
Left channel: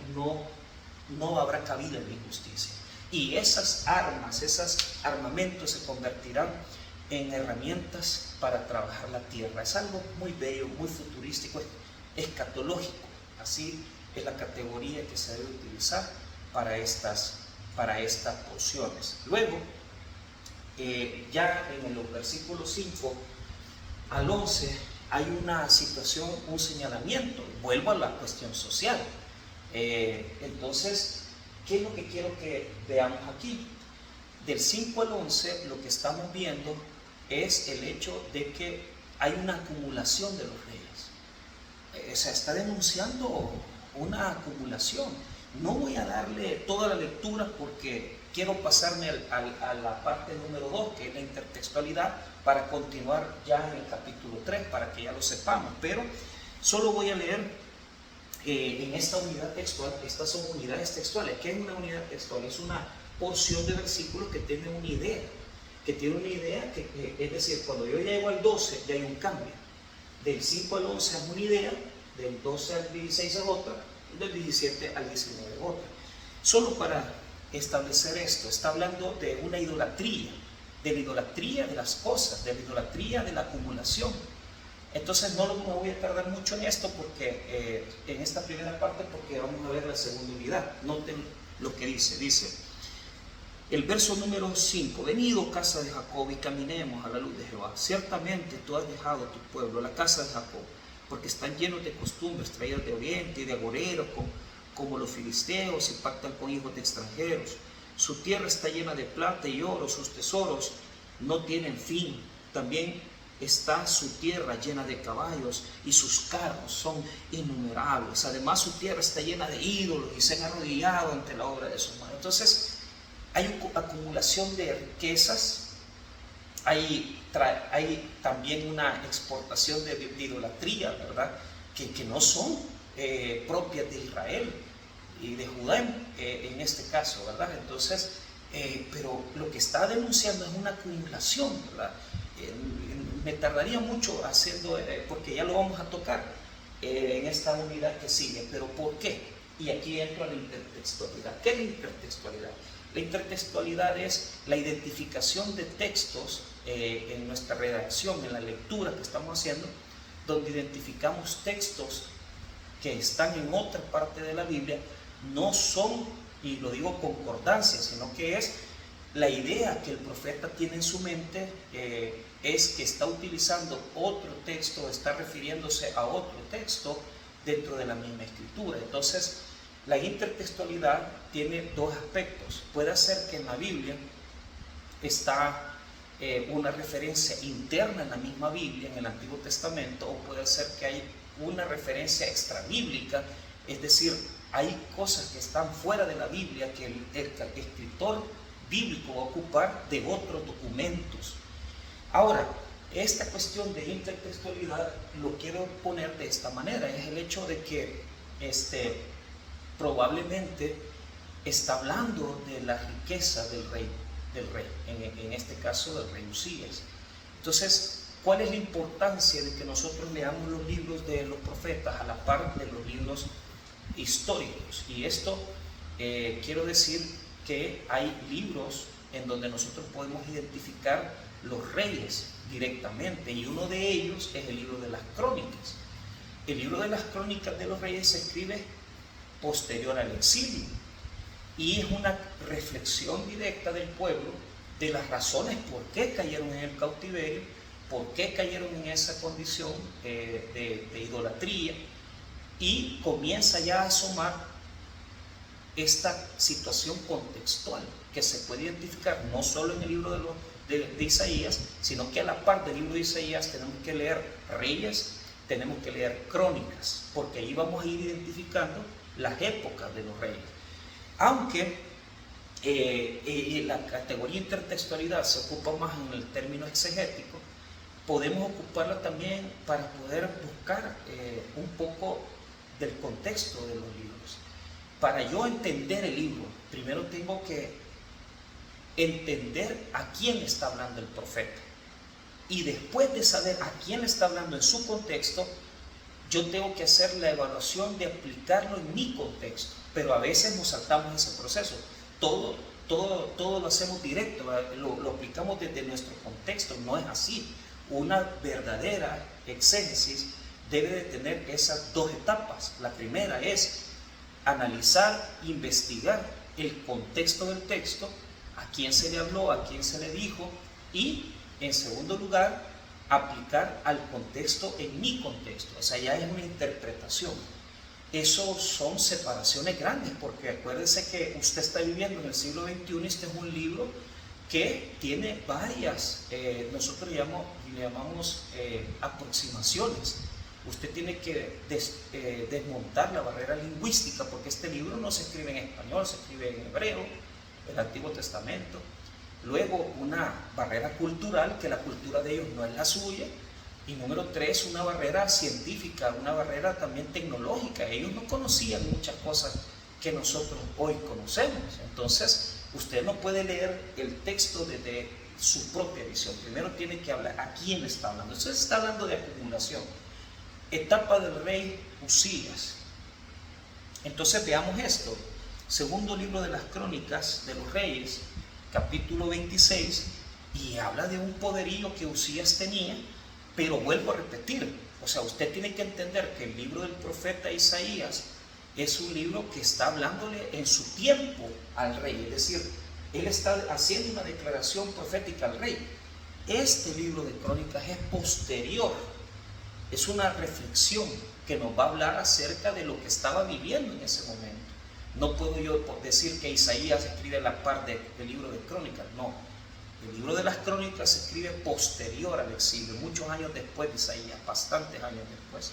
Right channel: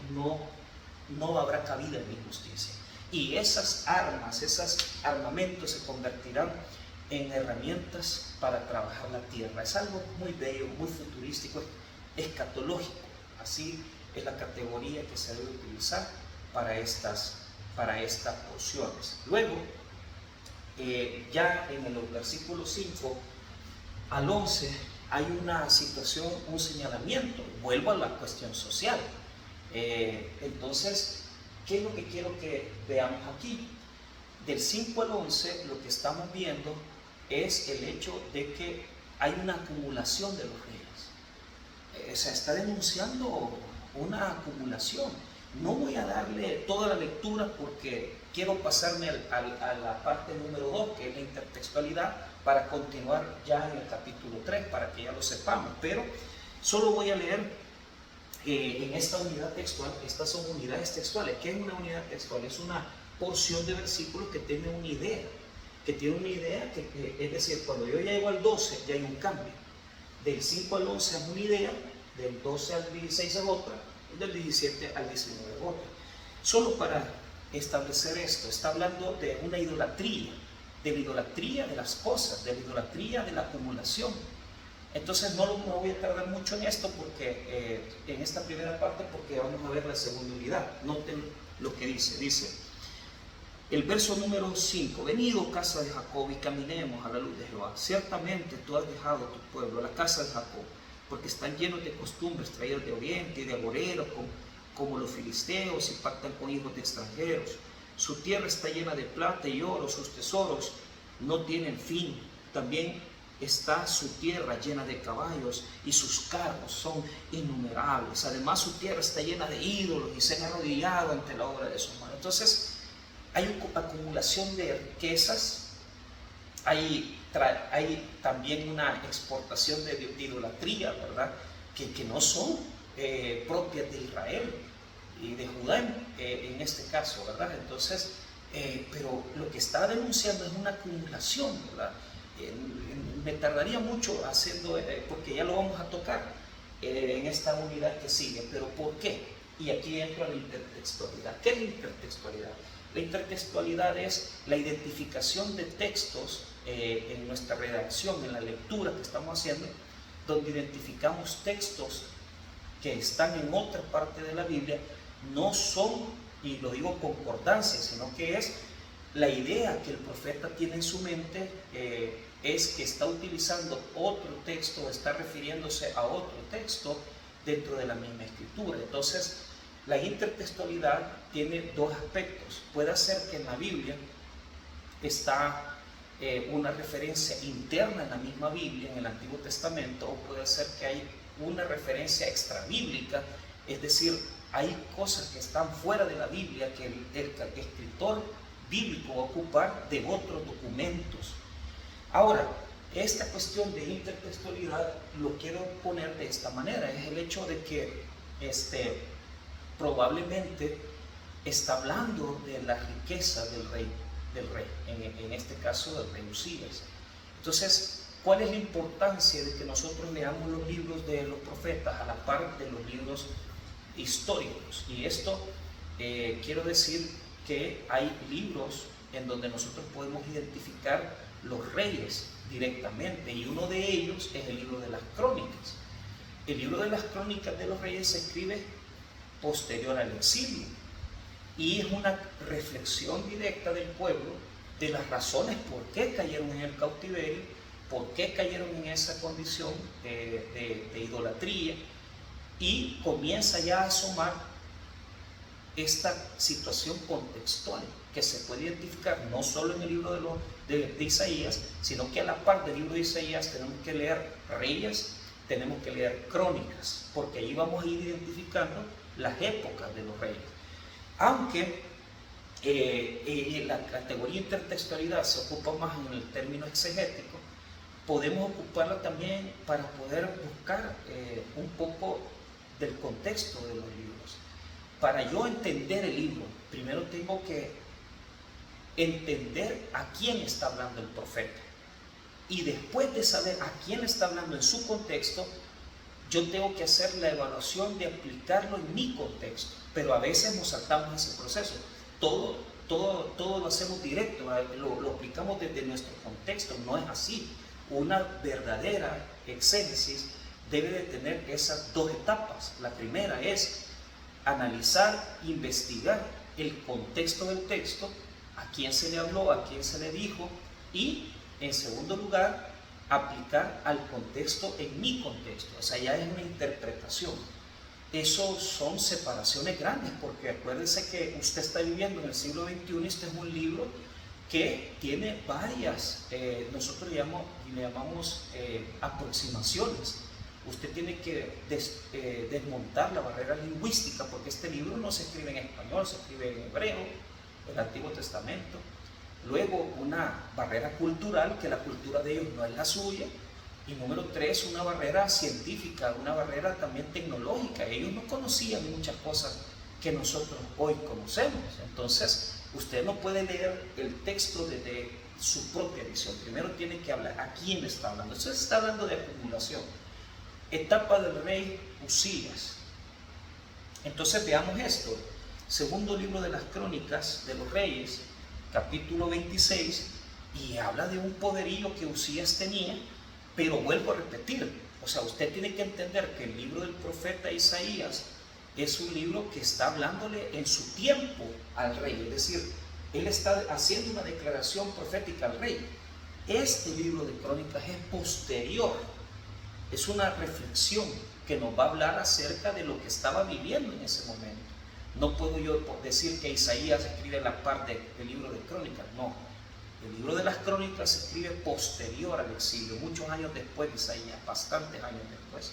no habrá cabida en la injusticia. Y esas armas, esos armamentos se convertirán en herramientas para trabajar la tierra. Es algo muy bello, muy futurístico, escatológico. Así es la categoría que se debe utilizar para estas porciones. Luego, ya en los versículos 5 al 11 hay una situación, un señalamiento. Vuelvo a la cuestión social. Entonces, ¿qué es lo que quiero que veamos aquí? Del 5 al 11 lo que estamos viendo es el hecho de que hay una acumulación de los reyes. O sea, está denunciando una acumulación. No voy a darle toda la lectura porque quiero pasarme a la parte número 2, que es la intertextualidad, para continuar ya en el capítulo 3, para que ya lo sepamos. Pero solo voy a leer en esta unidad textual. Estas son unidades textuales. ¿Qué es una unidad textual? Es una porción de versículos que tiene una idea, es decir, cuando yo llego al 12 ya hay un cambio. Del 5 al 11 es una idea, del 12 al 16 es otra, y del 17 al 19 es otra. Solo para establecer esto, está hablando de una idolatría, de la idolatría de las cosas, de la idolatría de la acumulación. Entonces no me voy a tardar mucho en esto porque en esta primera parte, porque vamos a ver la segunda unidad. Noten lo que dice el verso número 5: venid, oh casa de Jacob, y caminemos a la luz de Jehová. Ciertamente tú has dejado tu pueblo, la casa de Jacob, porque están llenos de costumbres traídas de oriente y de agoreros, como los filisteos, y pactan con hijos de extranjeros. Su tierra está llena de plata y oro, sus tesoros no tienen fin. También está su tierra llena de caballos, y sus carros son innumerables. Además, su tierra está llena de ídolos, y se han arrodillado ante la obra de sus manos. Entonces, hay acumulación de riquezas, hay hay también una exportación de idolatría, ¿verdad? Que no son propias de Israel y de Judá en este caso, ¿verdad? Entonces, pero lo que está denunciando es una acumulación, ¿verdad? Me tardaría mucho haciendo, porque ya lo vamos a tocar en esta unidad que sigue, pero ¿por qué? Y aquí entra la intertextualidad. ¿Qué es la intertextualidad? La intertextualidad es la identificación de textos en nuestra redacción, en la lectura que estamos haciendo, donde identificamos textos que están en otra parte de la Biblia, no son, y lo digo concordancia, sino que es la idea que el profeta tiene en su mente, es que está utilizando otro texto, está refiriéndose a otro texto dentro de la misma escritura. Entonces, la intertextualidad tiene dos aspectos. Puede ser que en la Biblia está una referencia interna en la misma Biblia, en el Antiguo Testamento, o puede ser que hay una referencia extrabíblica, es decir, hay cosas que están fuera de la Biblia que el escritor bíblico va a ocupar de otros documentos. Ahora, esta cuestión de intertextualidad lo quiero poner de esta manera, es el hecho de que probablemente está hablando de la riqueza del rey, en este caso del rey Usías. Entonces, ¿cuál es la importancia de que nosotros leamos los libros de los profetas a la par de los libros históricos? Y esto quiero decir que hay libros en donde nosotros podemos identificar los reyes directamente, y uno de ellos es el libro de las crónicas. El libro de las crónicas de los reyes se escribe posterior al exilio y es una reflexión directa del pueblo de las razones por qué cayeron en el cautiverio, por qué cayeron en esa condición de idolatría, y comienza ya a asomar esta situación contextual que se puede identificar no solo en el libro de Isaías, sino que a la par del libro de Isaías tenemos que leer Reyes, tenemos que leer Crónicas, porque ahí vamos a ir identificando las épocas de los reyes. Aunque la categoría intertextualidad se ocupa más en el término exegético, podemos ocuparla también para poder buscar un poco del contexto de los libros. Para yo entender el libro, primero tengo que entender a quién está hablando el profeta. Y después de saber a quién está hablando en su contexto, yo tengo que hacer la evaluación de aplicarlo en mi contexto. Pero a veces nos saltamos ese proceso. Todo lo hacemos directo, lo aplicamos desde nuestro contexto. No es así. Una verdadera exégesis debe de tener esas dos etapas. La primera es analizar, investigar el contexto del texto, a quién se le habló, a quién se le dijo, y en segundo lugar, aplicar al contexto en mi contexto. O sea, ya es una interpretación. Eso son separaciones grandes, porque acuérdense que usted está viviendo en el siglo XXI y este es un libro que tiene varias, nosotros le llamamos aproximaciones. Usted tiene que desmontar la barrera lingüística, porque este libro no se escribe en español, se escribe en hebreo, el Antiguo Testamento. Luego, una barrera cultural, que la cultura de ellos no es la suya. Y número 3, una barrera científica, una barrera también tecnológica. Ellos no conocían muchas cosas que nosotros hoy conocemos. Entonces, usted no puede leer el texto desde su propia visión. Primero tiene que hablar a quién está hablando. Entonces está hablando de acumulación. Etapa del rey Usías. Entonces veamos esto. Segundo libro de las Crónicas de los Reyes, capítulo 26, y habla de un poderío que Usías tenía, pero vuelvo a repetir, o sea, usted tiene que entender que el libro del profeta Isaías es un libro que está hablándole en su tiempo al rey, es decir, él está haciendo una declaración profética al rey. Este libro de Crónicas es posterior, es una reflexión que nos va a hablar acerca de lo que estaba viviendo en ese momento. No puedo yo decir que Isaías escribe la parte del libro de Crónicas, no. El libro de las Crónicas se escribe posterior al exilio, muchos años después de Isaías, bastantes años después.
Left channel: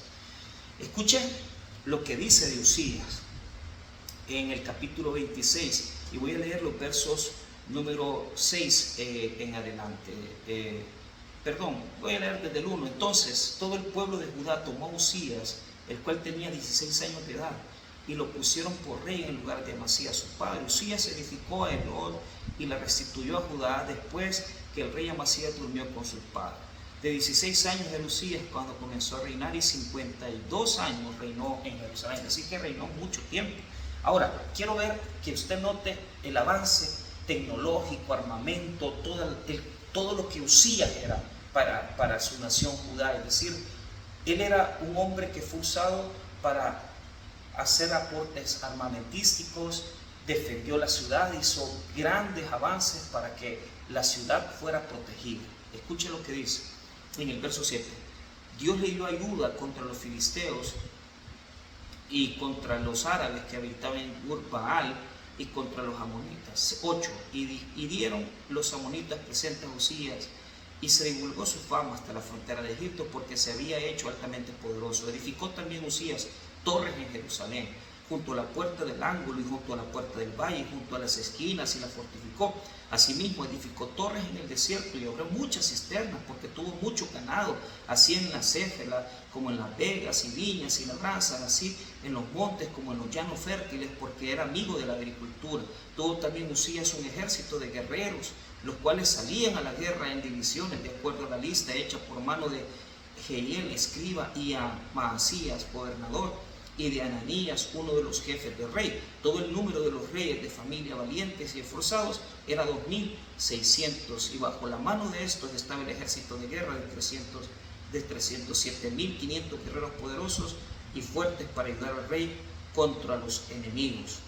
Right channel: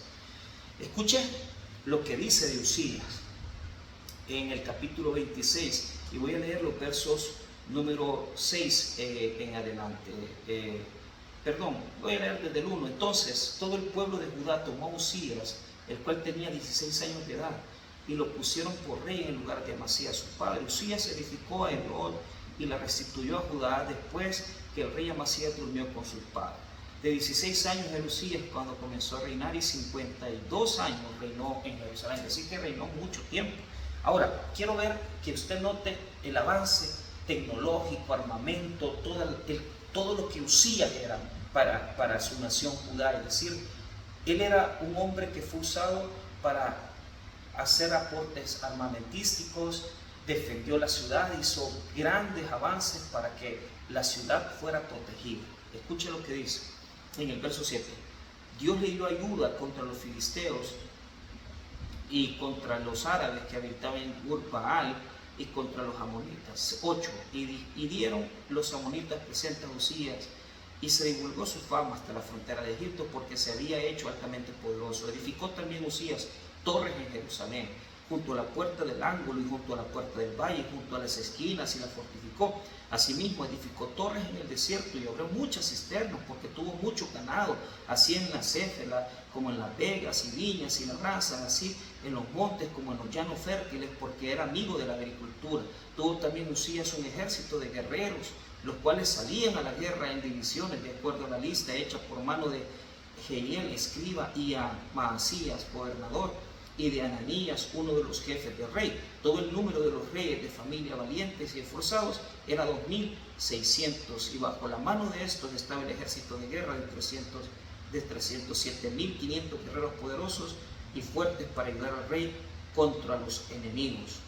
Escuchen lo que dice de Usías en el capítulo 26, y voy a leer los versos número 6 en adelante. perdón, voy a leer desde el 1. Entonces todo el pueblo de Judá tomó a Uzías, el cual tenía 16 años de edad, y lo pusieron por rey en lugar de Amasías su padre. Uzías edificó a Elot y la restituyó a Judá después que el rey Amasías durmió con su padre. De 16 años de Uzías cuando comenzó a reinar, y 52 años reinó en Jerusalén, así que reinó mucho tiempo. Ahora, quiero ver que usted note el avance tecnológico, armamento, todo lo que Uzías era para su nación Judá. Es decir, él era un hombre que fue usado para hacer aportes armamentísticos, defendió la ciudad, hizo grandes avances para que la ciudad fuera protegida. Escuche lo que dice en el verso 7. Dios le dio ayuda contra los filisteos y contra los árabes que habitaban en Ur-Baal y contra los amonitas. 8. Y dieron los amonitas presentes a Uzías, y se divulgó su fama hasta la frontera de Egipto, porque se había hecho altamente poderoso. Edificó también Uzías torres en Jerusalén, junto a la puerta del ángulo y junto a la puerta del valle, junto a las esquinas, y la fortificó. Asimismo edificó torres en el desierto y abrió muchas cisternas, porque tuvo mucho ganado, así en la Céfela como en las vegas y viñas y labranzas, así en los montes como en los llanos fértiles, porque era amigo de la agricultura. Tuvo también Uzías un ejército de guerreros, los cuales salían a la guerra en divisiones, de acuerdo a la lista hecha por mano de Jehiel, escriba, y a Maasías, gobernador, y de Ananías, uno de los jefes del rey. Todo el número de los reyes de familia valientes y esforzados era 2.600, y bajo la mano de estos estaba el ejército de guerra de 307.500 guerreros poderosos y fuertes para ayudar al rey contra los enemigos.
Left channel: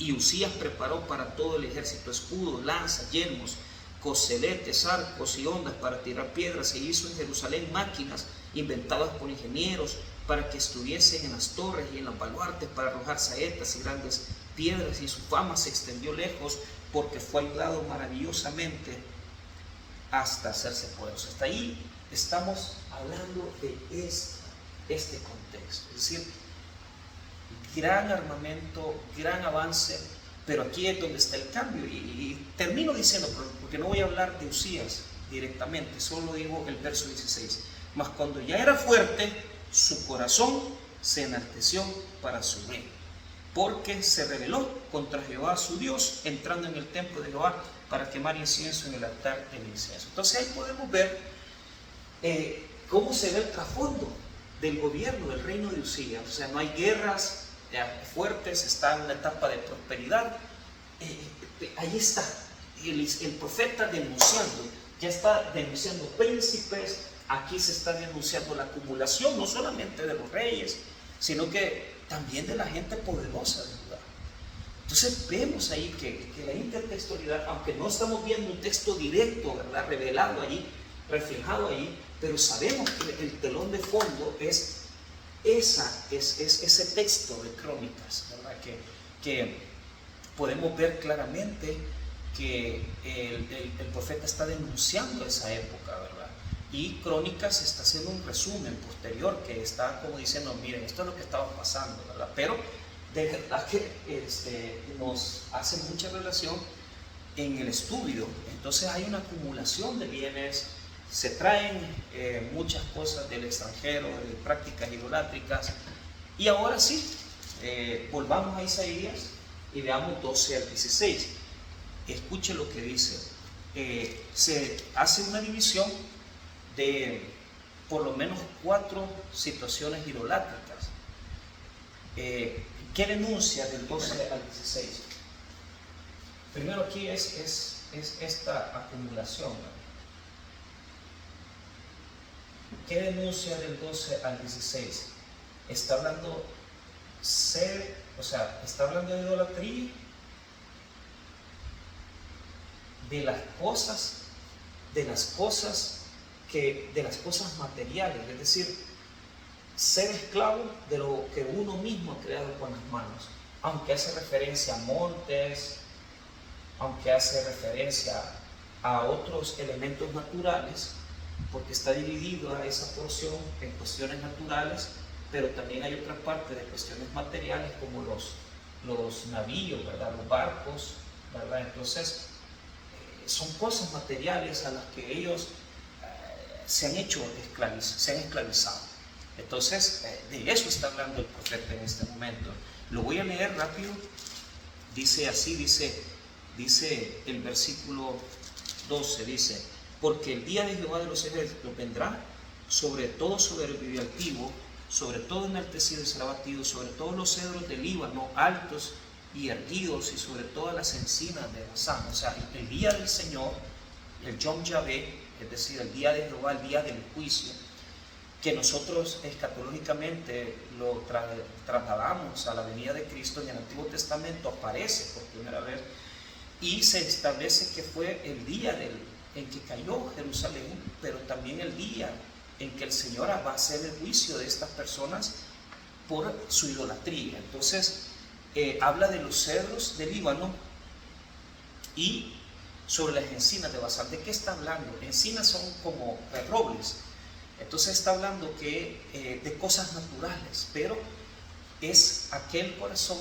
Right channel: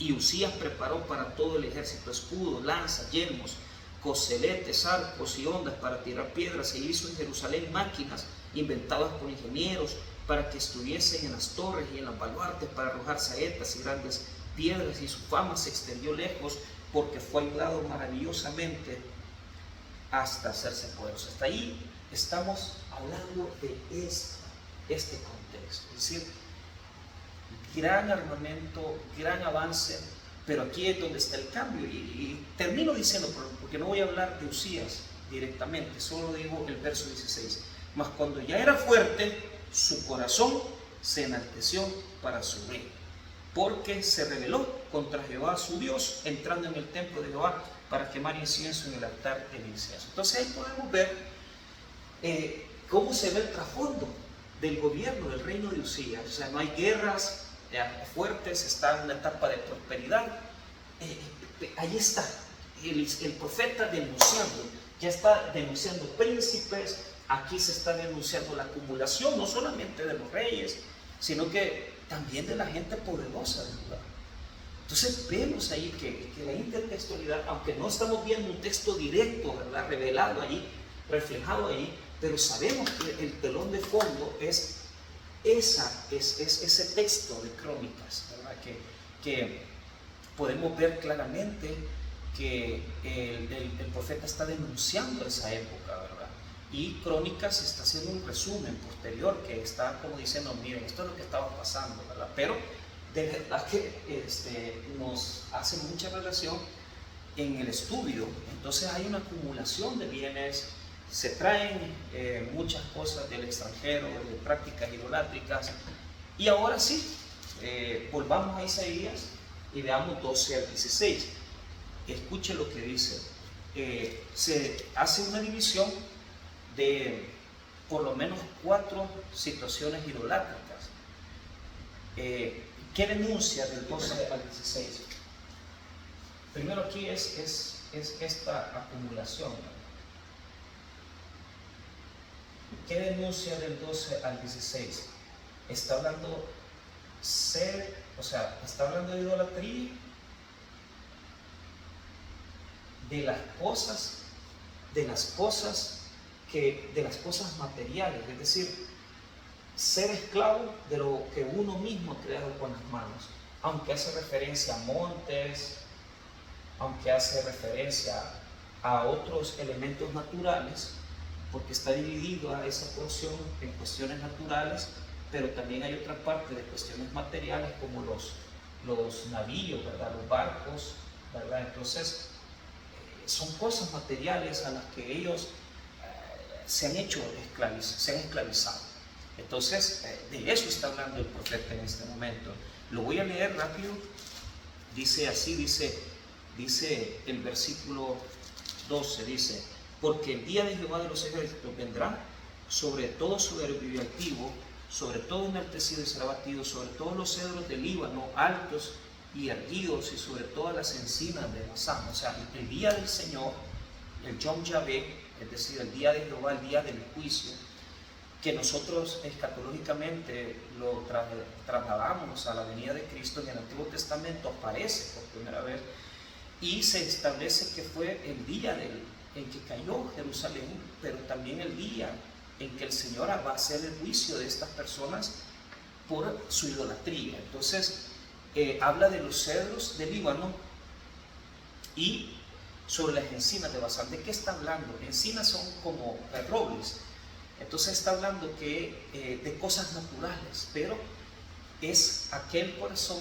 Y Uzías preparó para todo el ejército escudos, lanzas, yelmos, coseletes, arcos y ondas para tirar piedras, e hizo en Jerusalén máquinas inventadas por ingenieros para que estuviesen en las torres y en los baluartes para arrojar saetas y grandes piedras, y su fama se extendió lejos porque fue ayudado maravillosamente hasta hacerse poderoso. Hasta ahí estamos hablando de este contexto, es decir, gran armamento, gran avance, pero aquí es donde está el cambio. Y termino diciendo, porque no voy a hablar de Uzías directamente, solo digo el verso 16. Mas cuando ya era fuerte, su corazón se enalteció para su rey, porque se rebeló contra Jehová su Dios, entrando en el templo de Jehová para quemar incienso en el altar del incienso. Entonces ahí podemos ver cómo se ve el trasfondo del gobierno del reino de Uzías. O sea, no hay guerras fuertes, está en una etapa de prosperidad. Ahí está el profeta denunciando, ya está denunciando príncipes. Aquí se está denunciando la acumulación no solamente de los reyes, sino que también de la gente poderosa del lugar. Entonces vemos ahí que la intertextualidad, aunque no estamos viendo un texto directo, ¿verdad?, revelado ahí, reflejado ahí, pero sabemos que el telón de fondo es ese texto de Crónicas, ¿verdad?, que podemos ver claramente que el profeta está denunciando esa época, ¿verdad? Y Crónicas está haciendo un resumen posterior que está como diciendo, miren, esto es lo que estaba pasando, ¿verdad? Pero de verdad que nos hace mucha relación en el estudio. Entonces hay una acumulación de bienes, se traen muchas cosas del extranjero, de prácticas idolátricas. Y ahora sí, volvamos a Isaías y veamos 12 al 16. Escuche lo que dice. Se hace una división de por lo menos 4 situaciones idolátricas. ¿Qué denuncia del 12 al 16? Primero aquí es esta acumulación, ¿no? ¿Qué denuncia del 12 al 16? Está hablando está hablando de idolatría, de las cosas materiales, es decir, ser esclavo de lo que uno mismo ha creado con las manos, aunque hace referencia a montes, aunque hace referencia a otros elementos naturales, porque está dividido a esa porción en cuestiones naturales, pero también hay otra parte de cuestiones materiales como los navíos, ¿verdad?, los barcos, ¿verdad? Entonces son cosas materiales a las que ellos se han hecho se han esclavizado. Entonces, de eso está hablando el profeta en este momento. Lo voy a leer rápido. Dice así, dice el versículo 12, dice: porque el día de Jehová de los ejércitos vendrá sobre todo soberbio y altivo, sobre todo enaltecido y será batido, sobre todos los cedros del Líbano, altos y erguidos, y sobre todas las encinas de Basán. O sea, el día del Señor, el Yom Yahvé, es decir, el día de Jehová, el día del juicio, que nosotros escatológicamente lo trasladamos a la venida de Cristo. En el Antiguo Testamento aparece por primera vez y se establece que fue el día en que cayó Jerusalén, pero también el día en que el Señor va a hacer el juicio de estas personas por su idolatría. Entonces, habla de los cedros del Líbano y sobre las encinas de Basán. ¿De qué está hablando? Encinas son como robles. Entonces está hablando de cosas naturales, pero es aquel corazón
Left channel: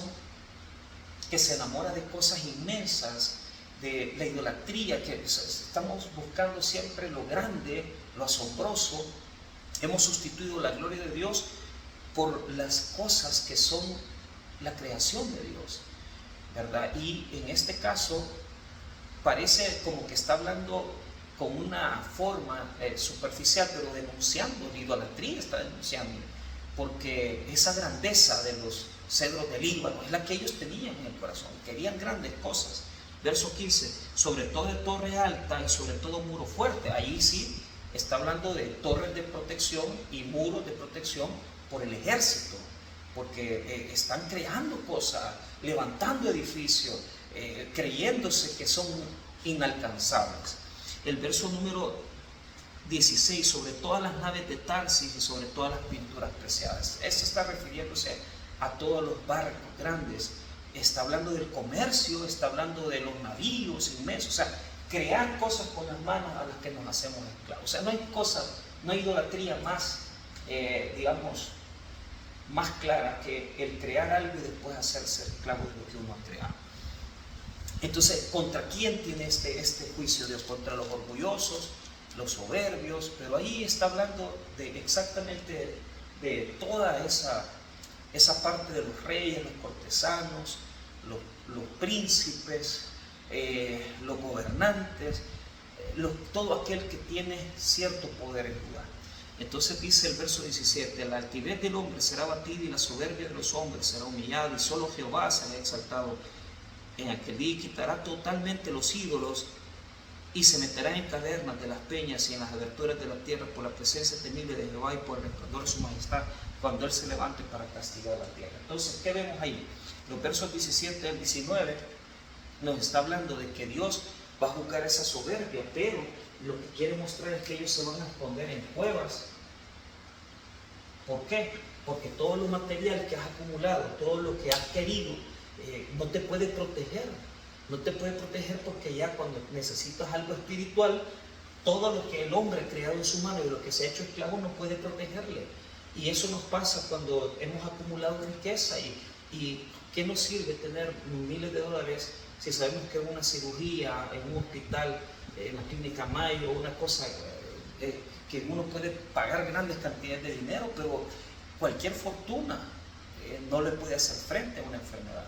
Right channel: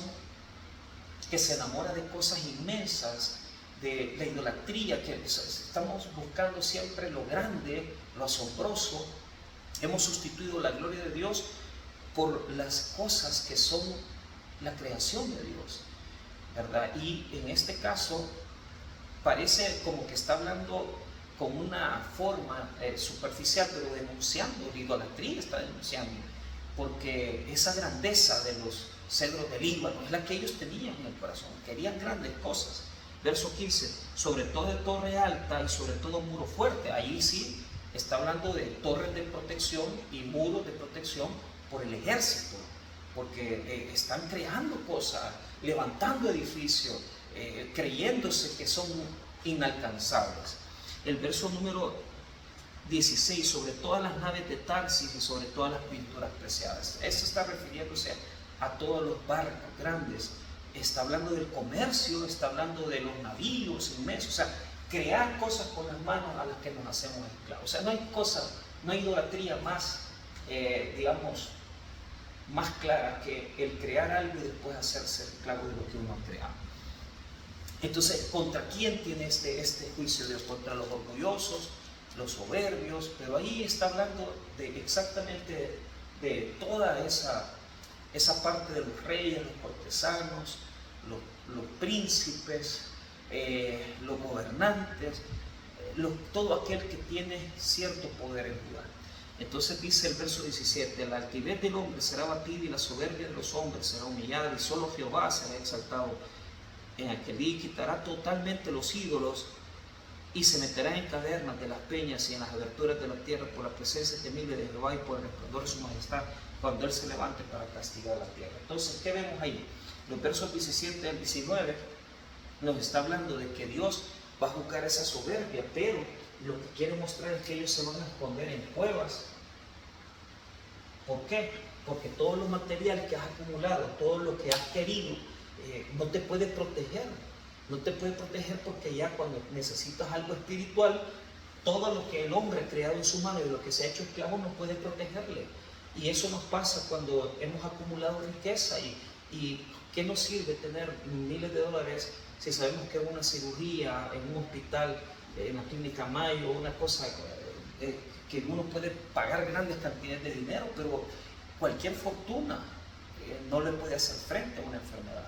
que se enamora de cosas inmensas, de la idolatría, que estamos buscando siempre lo grande, lo asombroso. Hemos sustituido la gloria de Dios por las cosas que son la creación de Dios, ¿verdad? Y en este caso parece como que está hablando con una forma superficial, pero denunciando la idolatría, está denunciando, porque esa grandeza de los cedros del Líbano es la que ellos tenían en el corazón, querían grandes cosas. Verso 15: sobre todo de torre alta y sobre todo muro fuerte. Ahí sí está hablando de torres de protección y muros de protección por el ejército, porque están creando cosas, levantando edificios, creyéndose que son inalcanzables. El verso número 16: sobre todas las naves de Tarsis y sobre todas las pinturas preciadas. Esto está refiriéndose a todos los barcos grandes. Está hablando del comercio, está hablando de los navíos inmensos. O sea, crear cosas con las manos a las que nos hacemos esclavos. O sea, no hay idolatría más, digamos, más clara que el crear algo y después hacerse esclavo de lo que uno ha creado. Entonces, ¿contra quién tiene este juicio Dios? Contra los orgullosos, los soberbios, pero ahí está hablando exactamente de toda esa parte de los reyes, los cortesanos, los príncipes, los gobernantes, todo aquel que tiene cierto poder en lugar. Entonces dice el verso 17: la altivez del hombre será abatida y la soberbia de los hombres será humillada, y solo Jehová será exaltado en aquel día, y quitará totalmente los ídolos y se meterá en cavernas de las peñas y en las aberturas de la tierra por la presencia temible de Jehová y por el resplandor de su majestad, cuando Él se levante para castigar la tierra. Entonces, ¿qué vemos ahí? Los versos 17 al 19 nos está hablando de que Dios va a juzgar esa soberbia, pero lo que quiere mostrar es que ellos se van a esconder en cuevas. ¿Por qué? Porque todo lo material que has acumulado, todo lo que has querido, no te puede proteger. No te puede proteger, porque ya cuando necesitas algo espiritual, todo lo que el hombre ha creado en su mano y lo que se ha hecho esclavo no puede protegerle. Y eso nos pasa cuando hemos acumulado riqueza. ¿Y qué nos sirve tener miles de dólares si sabemos que una cirugía en un hospital, en la clínica Mayo, una cosa que uno puede pagar grandes cantidades de dinero, pero cualquier fortuna no le puede hacer frente a una enfermedad?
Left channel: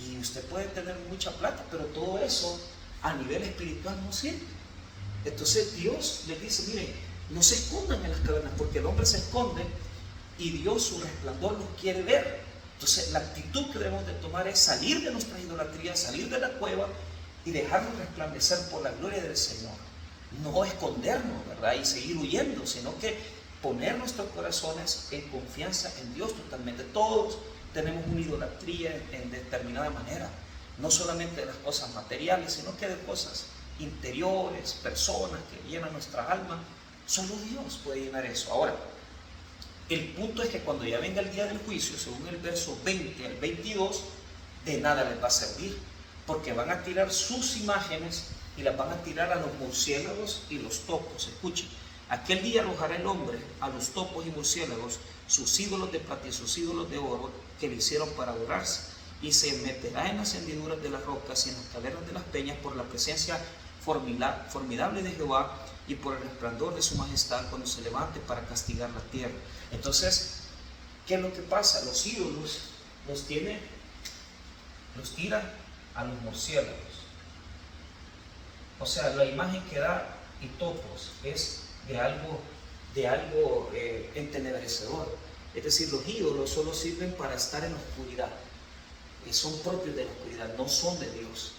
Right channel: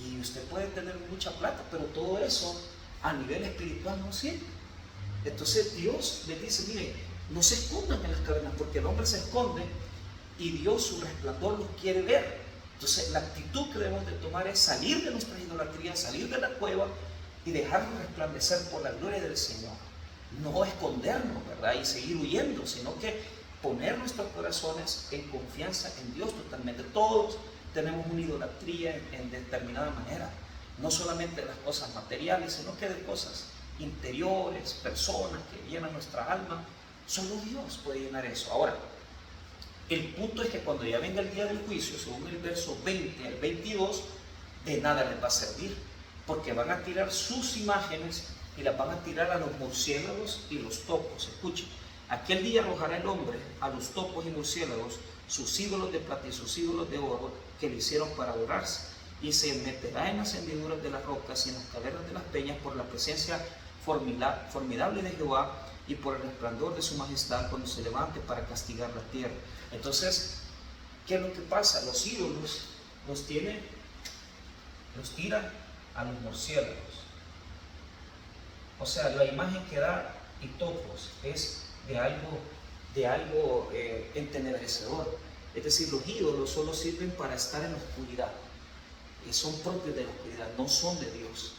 Y usted puede tener mucha plata, pero todo eso a nivel espiritual no sirve. Entonces Dios les dice: miren, no se escondan en las cavernas, porque el hombre se esconde y Dios, su resplandor, los quiere ver. Entonces la actitud que debemos de tomar es salir de nuestra idolatría, salir de la cueva y dejarnos resplandecer por la gloria del Señor. No escondernos, ¿verdad? Y seguir huyendo, sino que poner nuestros corazones en confianza en Dios totalmente. Todos tenemos una idolatría en determinada manera, no solamente de las cosas materiales, sino que de cosas interiores, personas que llenan nuestra alma. Solo Dios puede llenar eso. Ahora, el punto es que cuando ya venga el día del juicio, según el verso 20 al 22, de nada les va a servir, porque van a tirar sus imágenes y las van a tirar a los murciélagos y los topos. Escuchen: aquel día arrojará el hombre a los topos y murciélagos sus ídolos de plata y sus ídolos de oro que le hicieron para adorarse, y se meterá en las hendiduras de las rocas y en las cavernas de las peñas por la presencia formidable de Jehová y por el resplandor de su majestad cuando se levante para castigar la tierra. Entonces, ¿qué es lo que pasa? Los ídolos los tiran a los murciélagos. O sea, la imagen que da Hitopos es de algo entenebrecedor. Es decir, los ídolos solo sirven para estar en la oscuridad. Son propios de la oscuridad, no son de Dios.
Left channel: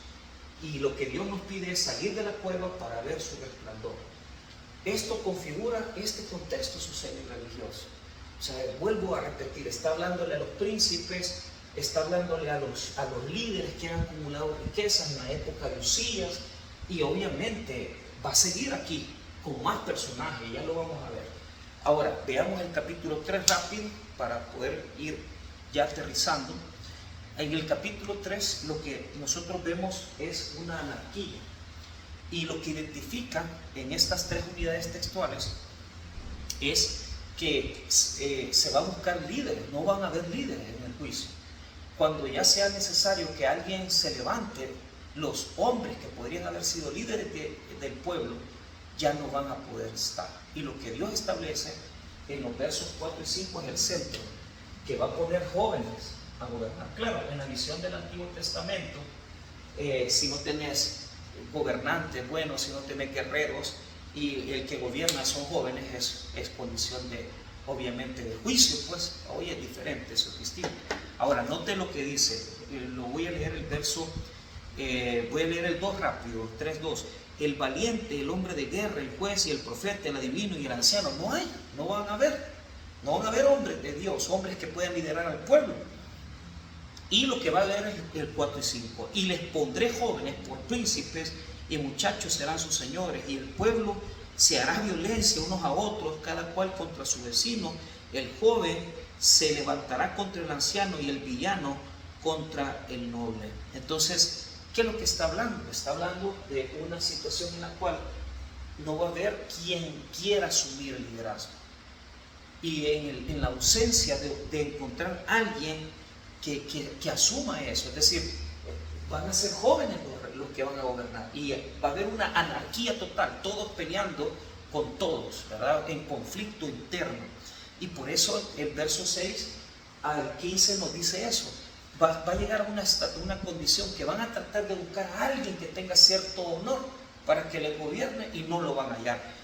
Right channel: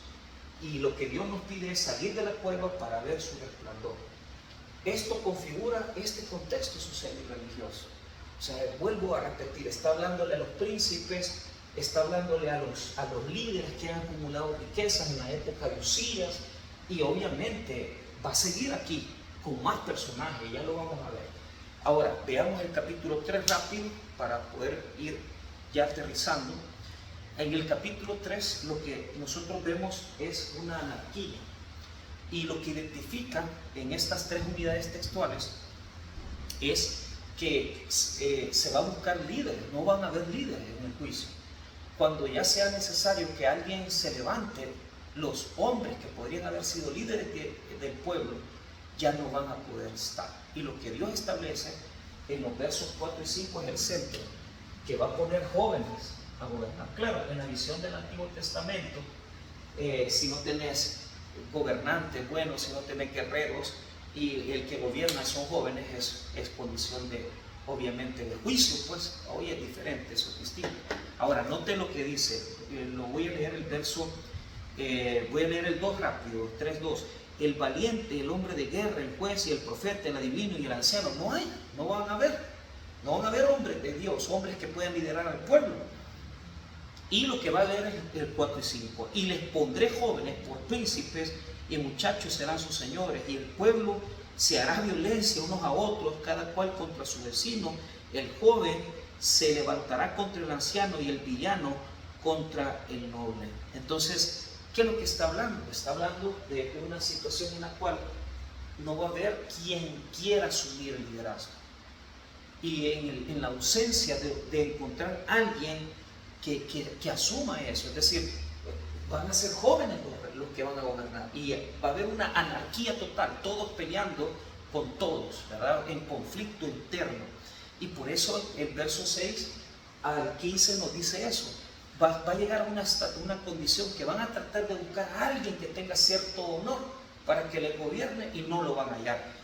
Y lo que Dios nos pide es salir de la cueva para ver su resplandor. Esto configura este contexto social y religioso. O sea, vuelvo a repetir, está hablándole a los príncipes, está hablándole a los líderes que han acumulado riquezas en la época de Usías, y obviamente va a seguir aquí con más personajes, ya lo vamos a ver. Ahora, veamos el capítulo 3 rápido para poder ir ya aterrizando. En el capítulo 3 lo que nosotros vemos es una anarquía, y lo que identifica en estas tres unidades textuales es que se va a buscar líderes, no van a haber líderes en el juicio. Cuando ya sea necesario que alguien se levante, los hombres que podrían haber sido líderes del pueblo ya no van a poder estar. Y lo que Dios establece en los versos 4 y 5 es el centro, que va a poner jóvenes a gobernar. Claro, en la visión del Antiguo Testamento, si no tenés gobernantes buenos, si no tenés guerreros, y el que gobierna son jóvenes, es condición de, obviamente, de juicio, pues hoy es diferente, eso es distinto. Ahora, note lo que dice, lo voy a leer el verso, voy a leer el 2 rápido, 3:2. El valiente, el hombre de guerra, el juez y el profeta, el adivino y el anciano, no van a haber hombres de Dios, hombres que puedan liderar al pueblo. Y lo que va a haber es el 4 y 5. Y les pondré jóvenes por príncipes, y muchachos serán sus señores, y el pueblo se hará violencia unos a otros, cada cual contra su vecino. El joven se levantará contra el anciano, y el villano contra el noble. Entonces, ¿qué es lo que está hablando? Está hablando de una situación en la cual no va a haber quien quiera asumir el liderazgo. Y en la ausencia de encontrar a alguien que asuma eso, es decir, van a ser jóvenes los que van a gobernar, y va a haber una anarquía total, todos peleando con todos, ¿verdad? En conflicto interno. Y por eso el verso 6 al 15 nos dice eso. Va a llegar a una condición que van a tratar de buscar a alguien que tenga cierto honor para que le gobierne, y no lo van a hallar.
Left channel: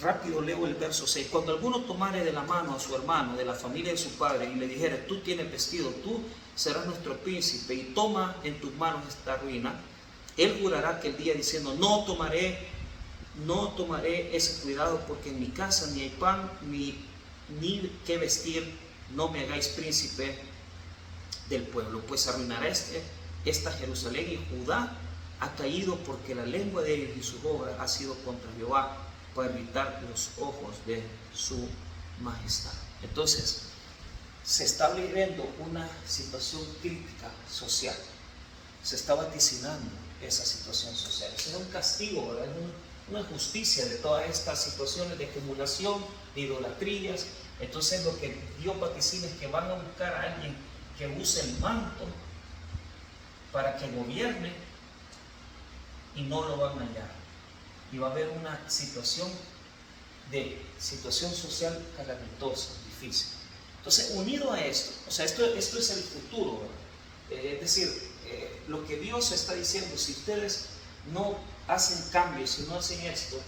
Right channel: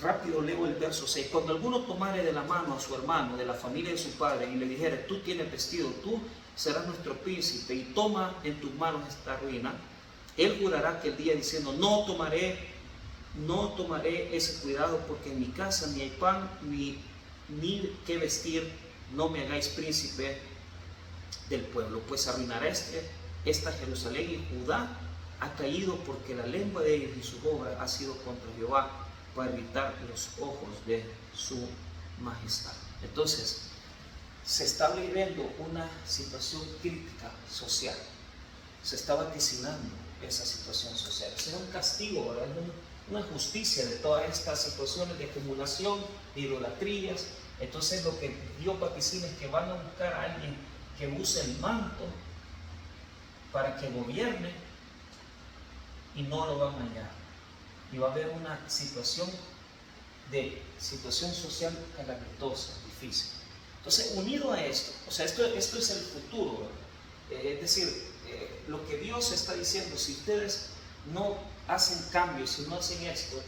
Rápido leo el verso 6. Cuando alguno tomare de la mano a su hermano de la familia de su padre y le dijere: tú tienes vestido, tú serás nuestro príncipe, y toma en tus manos esta ruina, él jurará aquel día diciendo: no tomaré ese cuidado, porque en mi casa ni hay pan ni qué vestir, no me hagáis príncipe del pueblo, pues arruinará esta Jerusalén, y Judá ha caído, porque la lengua de ellos y su obra ha sido contra Jehová, para evitar los ojos de su majestad. Entonces, se está viviendo una situación crítica social, se está vaticinando esa situación social. Es un castigo, ¿verdad? Una justicia de todas estas situaciones de acumulación, de idolatrías. Entonces, lo que Dios vaticina es que van a buscar a alguien que use el manto para que gobierne, y no lo van a hallar. Y va a haber una situación social calamitosa, difícil. Entonces, unido a esto, o sea, esto es el futuro, ¿verdad? Es decir, lo que Dios está diciendo: si ustedes no hacen cambios, si no hacen esto,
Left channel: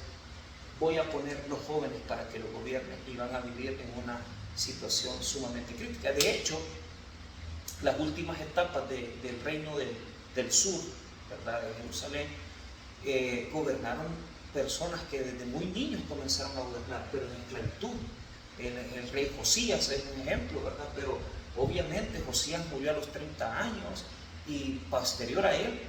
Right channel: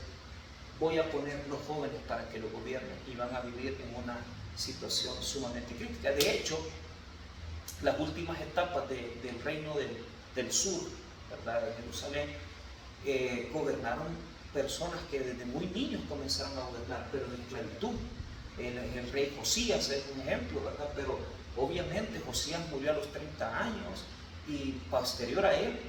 voy a poner los jóvenes para que lo gobiernen, y van a vivir en una situación sumamente crítica. De hecho, las últimas etapas del reino del sur, ¿verdad?, de Jerusalén, gobernaron personas que desde muy niños comenzaron a gobernar, pero en esclavitud. El rey Josías es un ejemplo, ¿verdad? Pero obviamente Josías murió a los 30 años, y posterior a él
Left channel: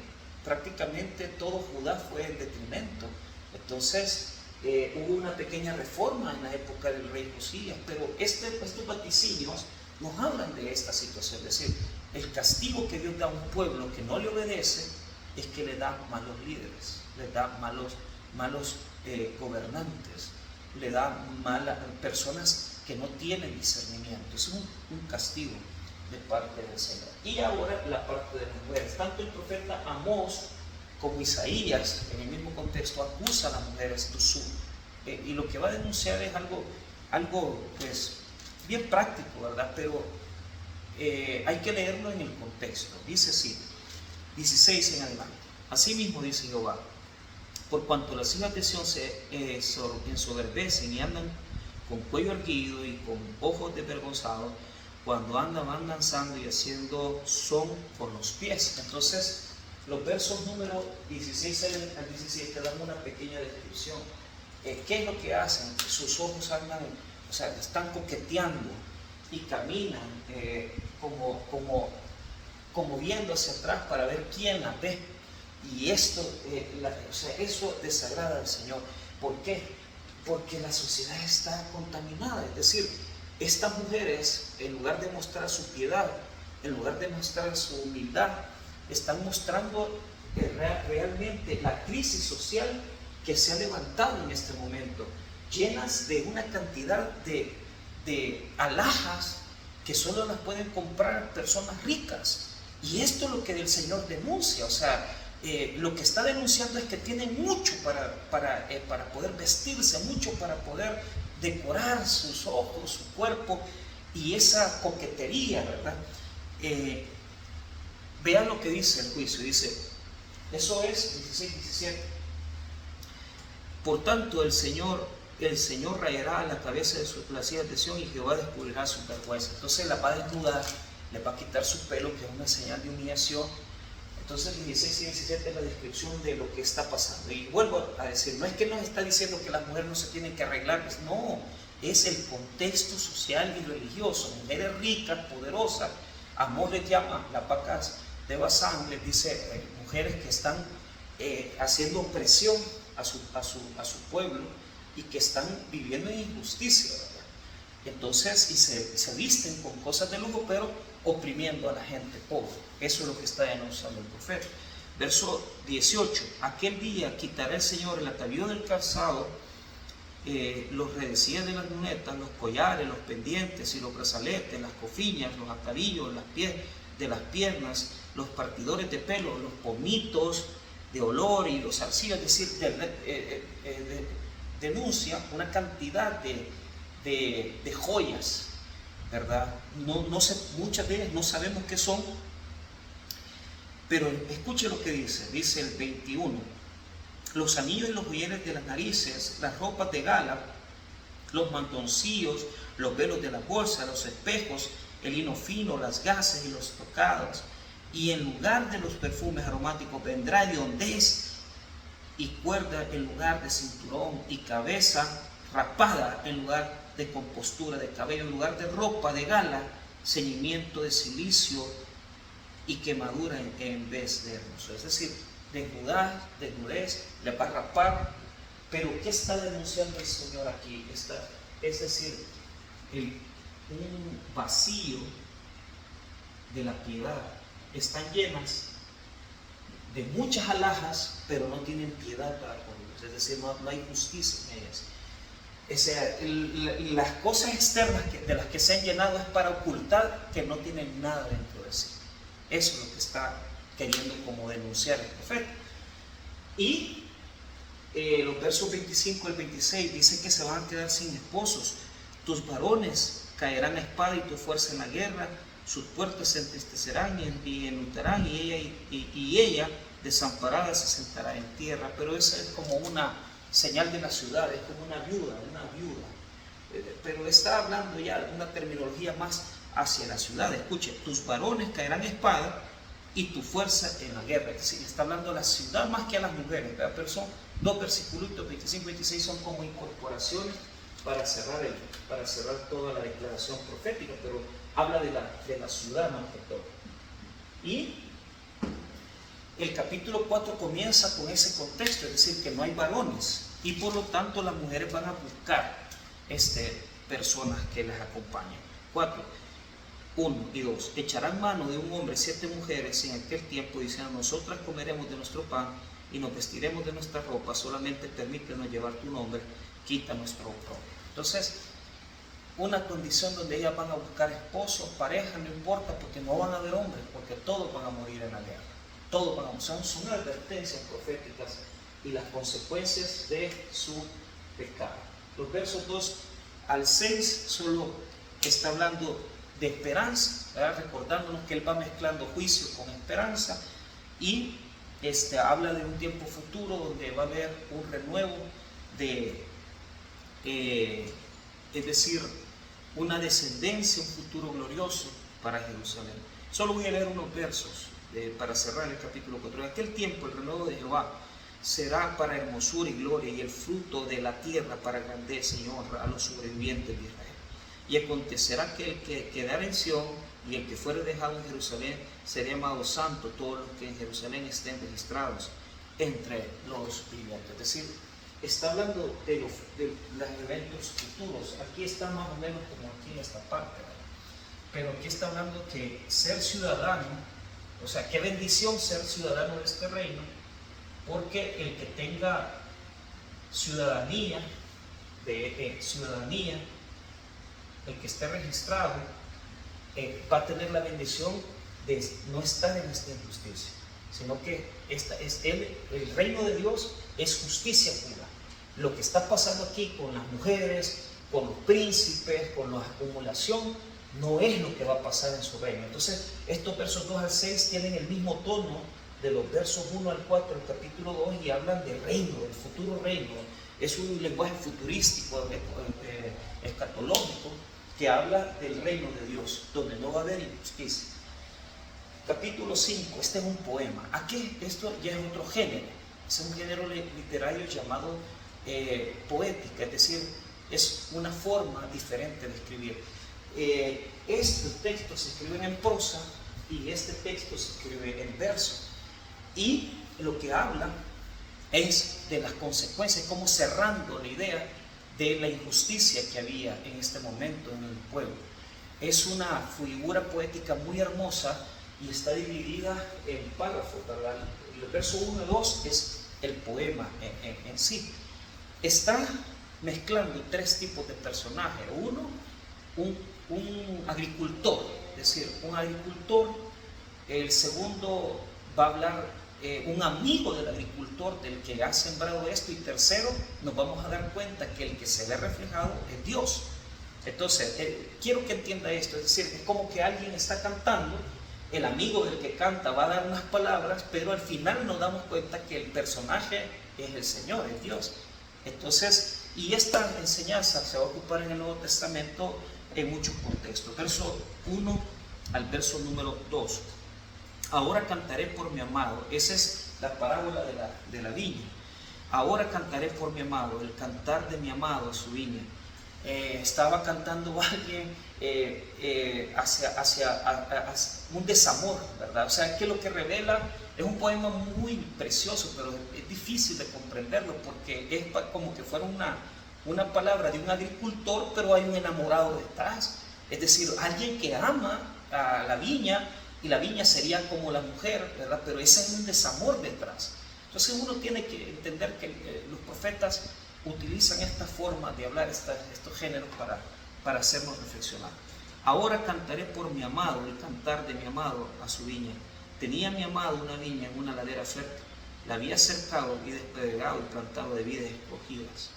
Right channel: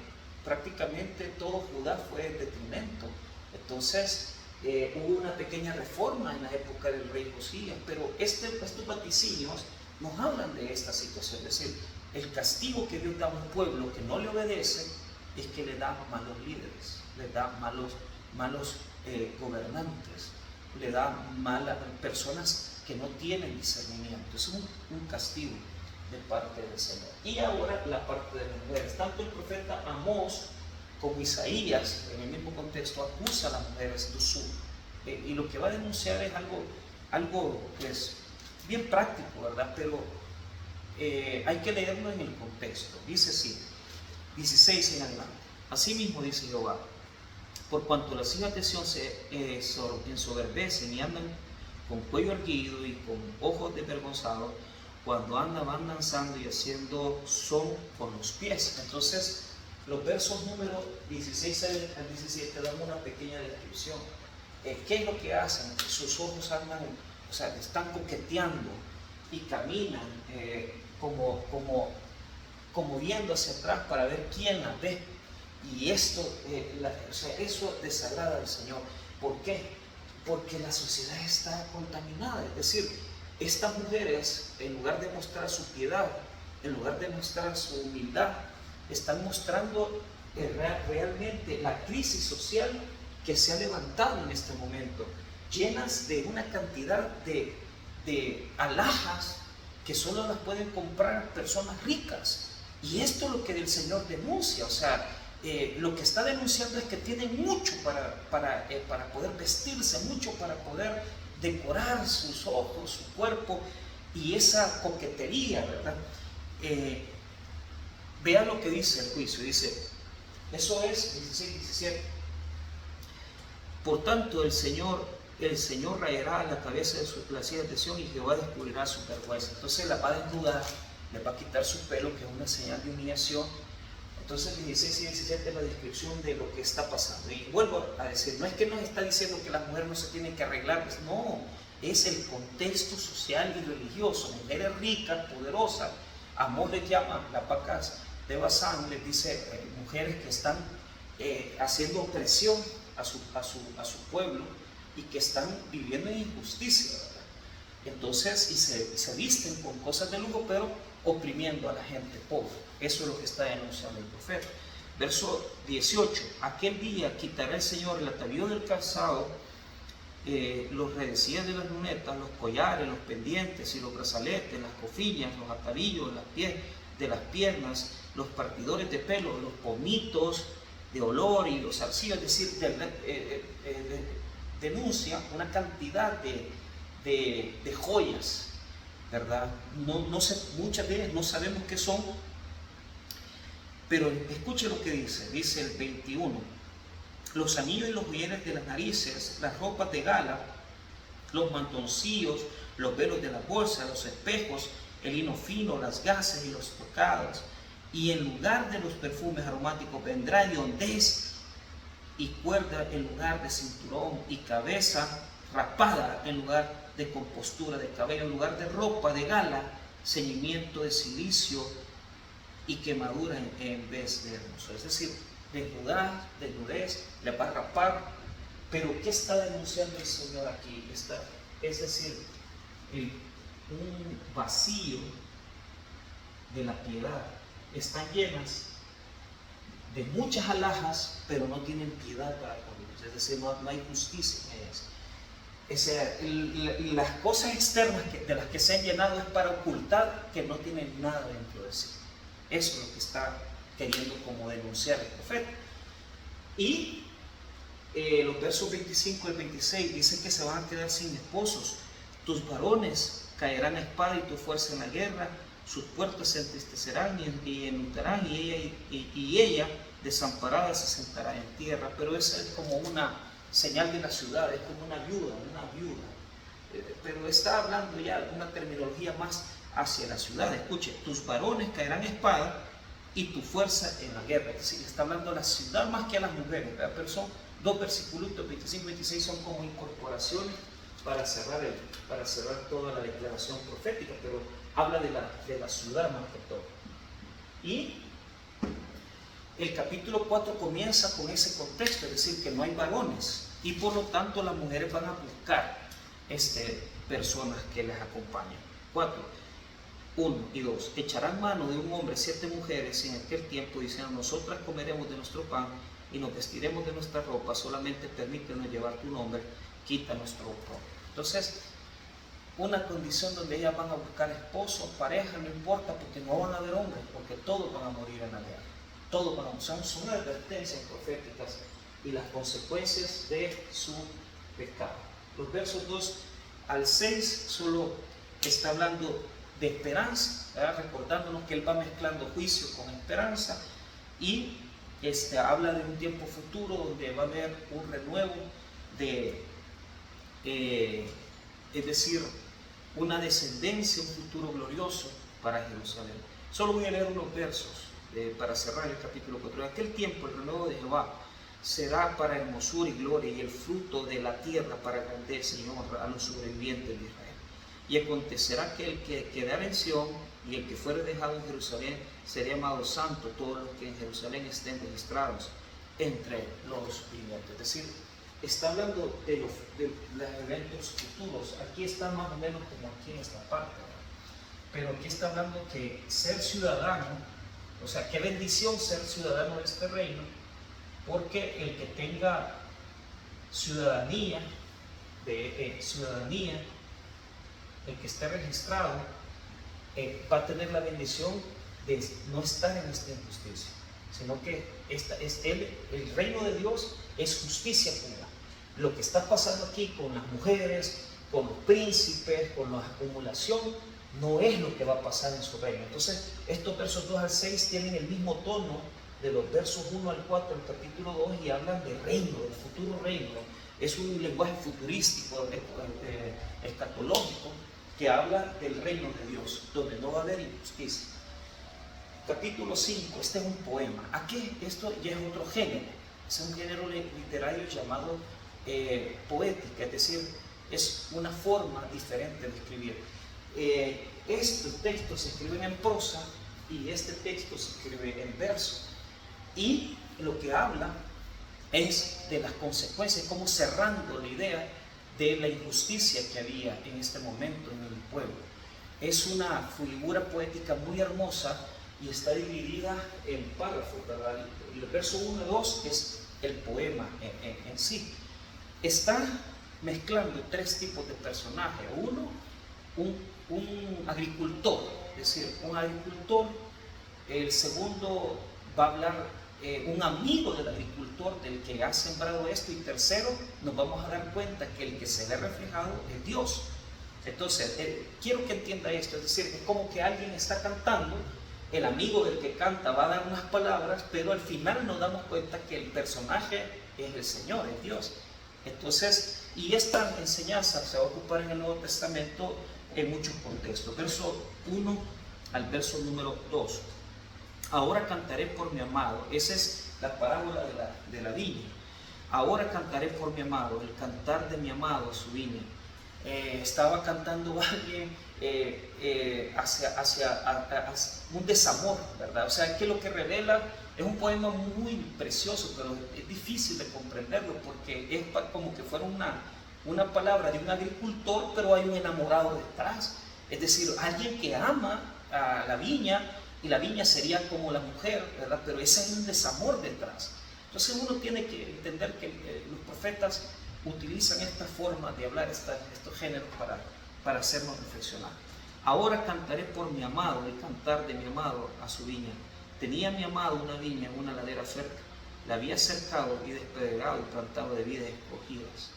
prácticamente todo Judá fue en detrimento. Entonces hubo una pequeña reforma en la época del rey Josías, pero estos vaticinios nos hablan de esta situación. Es decir, el castigo que Dios da a un pueblo que no le obedece es que le da malos líderes, le da malos gobernantes, le da malas personas que no tienen discernimiento. Es un castigo de parte del Señor. Y ahora la parte de las mujeres. Tanto el profeta Amós como Isaías, en el mismo contexto, acusa a las mujeres y lo que va a denunciar es algo pues bien práctico, ¿verdad? Pero hay que leerlo en el contexto. Dice así, 16 en adelante. Asimismo dice Jehová, por cuanto las hijas de Sión se ensoberbecen y andan con cuello erguido y con ojos desvergonzados, cuando andan van danzando y haciendo son con los pies. Entonces, los versos número 16 al 17 dan una pequeña descripción. ¿Qué es lo que hacen? Sus ojos andan, o sea, están coqueteando y caminan como viendo hacia atrás para ver quién la ve. Y esto, eso desagrada al Señor. ¿Por qué? Porque la sociedad está contaminada. Es decir, estas mujeres, en lugar de mostrar su piedad, en lugar de mostrar su humildad, están mostrando realmente la crisis social que se ha levantado en este momento, llenas de una cantidad de alhajas que solo las pueden comprar personas ricas. Y esto es lo que el Señor denuncia. O sea, lo que está denunciando es que tienen mucho para poder vestirse, mucho para poder decorar sus ojos, su cuerpo, y esa coquetería, ¿verdad? Vean lo que dice el juicio. Dice, eso es 16, 17. Por tanto, el Señor rayará la cabeza de las hijas de Sión y Jehová descubrirá su vergüenza. Entonces la va a desnudar, le va a quitar su pelo, que es una señal de humillación. Entonces 16 y 17 es la descripción de lo que está pasando. Y vuelvo a decir, no es que nos está diciendo que las mujeres no se tienen que arreglar, no, es el contexto social y religioso. Mujeres ricas, poderosas, Amós les llama las vacas de Basán, les dice mujeres que están haciendo opresión a su pueblo y que están viviendo en injusticia, ¿verdad? Entonces, y se visten con cosas de lujo, pero oprimiendo a la gente pobre. Eso es lo que está denunciando el profeta. Verso 18, aquel día quitará el Señor el atavío del calzado, los redecillas de las lunetas, los collares, los pendientes y los brazaletes, las cofillas, los atavíos de las piernas, los partidores de pelo, los pomitos de olor y los zarcillos. Es decir, denuncia una cantidad de joyas, ¿verdad? No sé, muchas de ellas no sabemos qué son, pero escuche lo que dice el 21, los anillos y los joyeles de las narices, las ropas de gala, los mantoncillos, los velos de la bolsa, los espejos, el lino fino, las gasas y los tocados, y en lugar de los perfumes aromáticos vendrá hediondez y cuerda en lugar de cinturón, y cabeza rapada en lugar de compostura de cabello, en lugar de ropa de gala, ceñimiento de cilicio y quemadura en vez de hermoso. Es decir, desnudez, le va a rapar. Pero ¿qué está denunciando el Señor aquí? Es decir, un vacío de la piedad. Están llenas de muchas alhajas, pero no tienen piedad para con ellos. Es decir, no hay justicia en ellas. O sea, las cosas externas de las que se han llenado es para ocultar que no tienen nada dentro de sí. Eso es lo que está queriendo como denunciar el profeta. Y los versos 25 al 26 dicen que se van a quedar sin esposos. Tus varones caerán a espada y tu fuerza en la guerra. Sus puertas se entristecerán y enlutarán, y ella desamparada se sentará en tierra. Pero esa es como una señal de la ciudad, es como una viuda. Pero está hablando ya de una terminología más hacia la ciudad. Escuche, tus varones caerán a espada y tu fuerza en la guerra. Es decir, está hablando a la ciudad más que a las mujeres, ¿verdad? Pero son dos versículos, 25 y 26 son como incorporaciones para cerrar toda la declaración profética, pero habla de la ciudad más que todo. Y el capítulo 4 comienza con ese contexto, es decir, que no hay varones y por lo tanto las mujeres van a buscar personas que les acompañen. 4, 1 y 2. Echarán mano de un hombre 7 mujeres en aquel tiempo, diciendo: nosotras comeremos de nuestro pan y nos vestiremos de nuestra ropa, solamente permítenos llevar tu nombre, quita nuestro oprobio. Entonces, una condición donde ellas van a buscar esposo, pareja, no importa, porque no van a haber hombres, porque todos van a morir en la guerra. Todos van a morir. Son advertencias proféticas y las consecuencias de su pecado. Los versos 2 al 6 solo está hablando de esperanza, ¿verdad? Recordándonos que él va mezclando juicio con esperanza, y habla de un tiempo futuro donde va a haber un renuevo es decir, una descendencia, un futuro glorioso para Jerusalén. Solo voy a leer unos versos para cerrar el capítulo 4. En aquel tiempo el renuevo de Jehová será para hermosura y gloria, y el fruto de la tierra para grandeza y honra a los sobrevivientes de Israel. Y acontecerá que el que quedara en Sión y el que fuere dejado en Jerusalén será llamado santo, todos los que en Jerusalén estén registrados entre los vivientes. Es decir, está hablando de los eventos futuros. Aquí está más o menos como aquí en esta parte, ¿verdad? Pero aquí está hablando que ser ciudadano, o sea, qué bendición ser ciudadano de este reino, porque el que tenga ciudadanía, el que esté registrado, va a tener la bendición de no estar en esta injusticia, sino que el reino de Dios es justicia pura. Lo que está pasando aquí con las mujeres, con los príncipes, con la acumulación, no es lo que va a pasar en su reino. Entonces, estos versos 2 al 6 tienen el mismo tono de los versos 1 al 4 del capítulo 2 y hablan del reino, del futuro reino. Es un lenguaje futurístico, escatológico, que habla del reino de Dios, donde no va a haber injusticia. Capítulo 5, este es un poema. Aquí esto ya es otro género, es un género literario llamado poética, es decir, es una forma diferente de escribir. Estos textos se escriben en prosa y este texto se escribe en verso, y lo que habla es de las consecuencias, como cerrando la idea de la injusticia que había en este momento en el pueblo. Es una figura poética muy hermosa y está dividida en párrafos, ¿verdad? El verso 1 y 2 es el poema en sí. Está mezclando tres tipos de personajes. Uno, un agricultor, es decir, un agricultor. El segundo va a hablar un amigo del agricultor, del que ha sembrado esto. Y tercero, nos vamos a dar cuenta que el que se ve reflejado es Dios. Entonces, quiero que entienda esto, es decir, es como que alguien está cantando, el amigo del que canta va a dar unas palabras, pero al final nos damos cuenta que el personaje es el Señor, es Dios. Entonces, y esta enseñanza se va a ocupar en el Nuevo Testamento en muchos contextos. Verso 1 al verso número 2. Ahora cantaré por mi amado. Esa es la parábola de la viña. Ahora cantaré por mi amado, el cantar de mi amado a su viña. Estaba cantando alguien hacia un desamor, ¿verdad? O sea, que lo que revela es un poema muy precioso, pero es difícil de comprenderlo porque es como que fuera una palabra de un agricultor, pero hay un enamorado detrás. Es decir, alguien que ama a la viña, y la viña sería como la mujer, ¿verdad? Pero ese es un desamor detrás. Entonces uno tiene que entender que los profetas utilizan esta forma de hablar, estos géneros para hacernos reflexionar. Ahora cantaré por mi amado, el cantar de mi amado a su viña. Tenía mi amado una viña en una ladera cerca, la había cercado y despedregado y plantado de vides escogidas.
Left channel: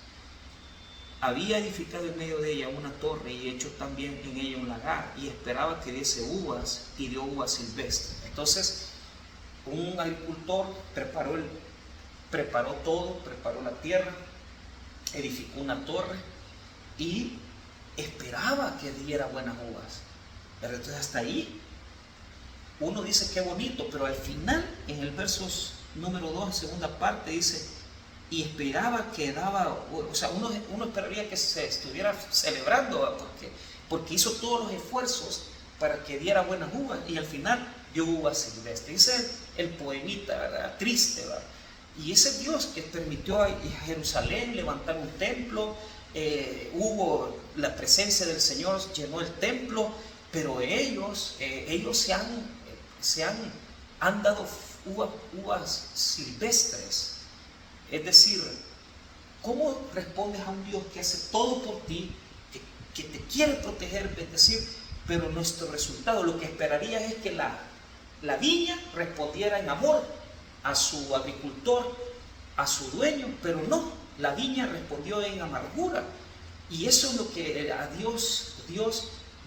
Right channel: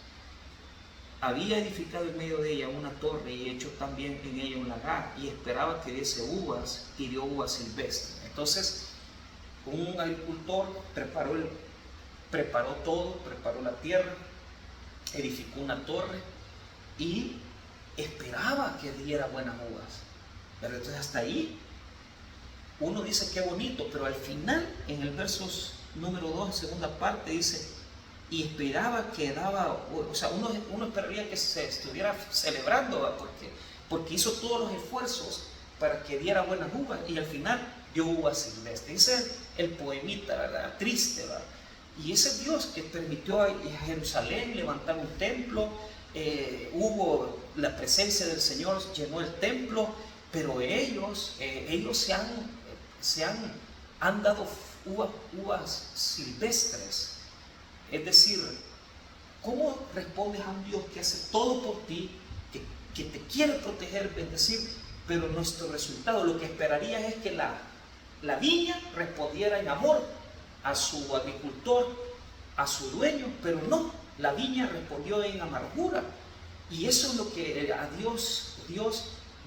Había edificado en medio de ella una torre y hecho también en ella un lagar, y esperaba que diese uvas, y dio uvas silvestres. Entonces, un agricultor preparó todo, preparó la tierra, edificó una torre y esperaba que diera buenas uvas. Pero entonces hasta ahí uno dice qué bonito, pero al final, en el verso número 2, segunda parte, dice: y esperaba que daba, o sea, uno esperaría que se estuviera celebrando, porque hizo todos los esfuerzos para que diera buenas uvas, y al final dio uvas silvestres. Ese es el poemita, ¿verdad? Triste, ¿verdad? Y ese Dios que permitió a Jerusalén levantar un templo, hubo la presencia del Señor, llenó el templo, pero ellos han dado uvas silvestres. Es decir, ¿cómo respondes a un Dios que hace todo por ti, que te quiere proteger, bendecir, pero nuestro resultado, lo que esperaría es que la viña respondiera en amor a su agricultor, a su dueño, pero no, la viña respondió en amargura. Y eso es lo que a Dios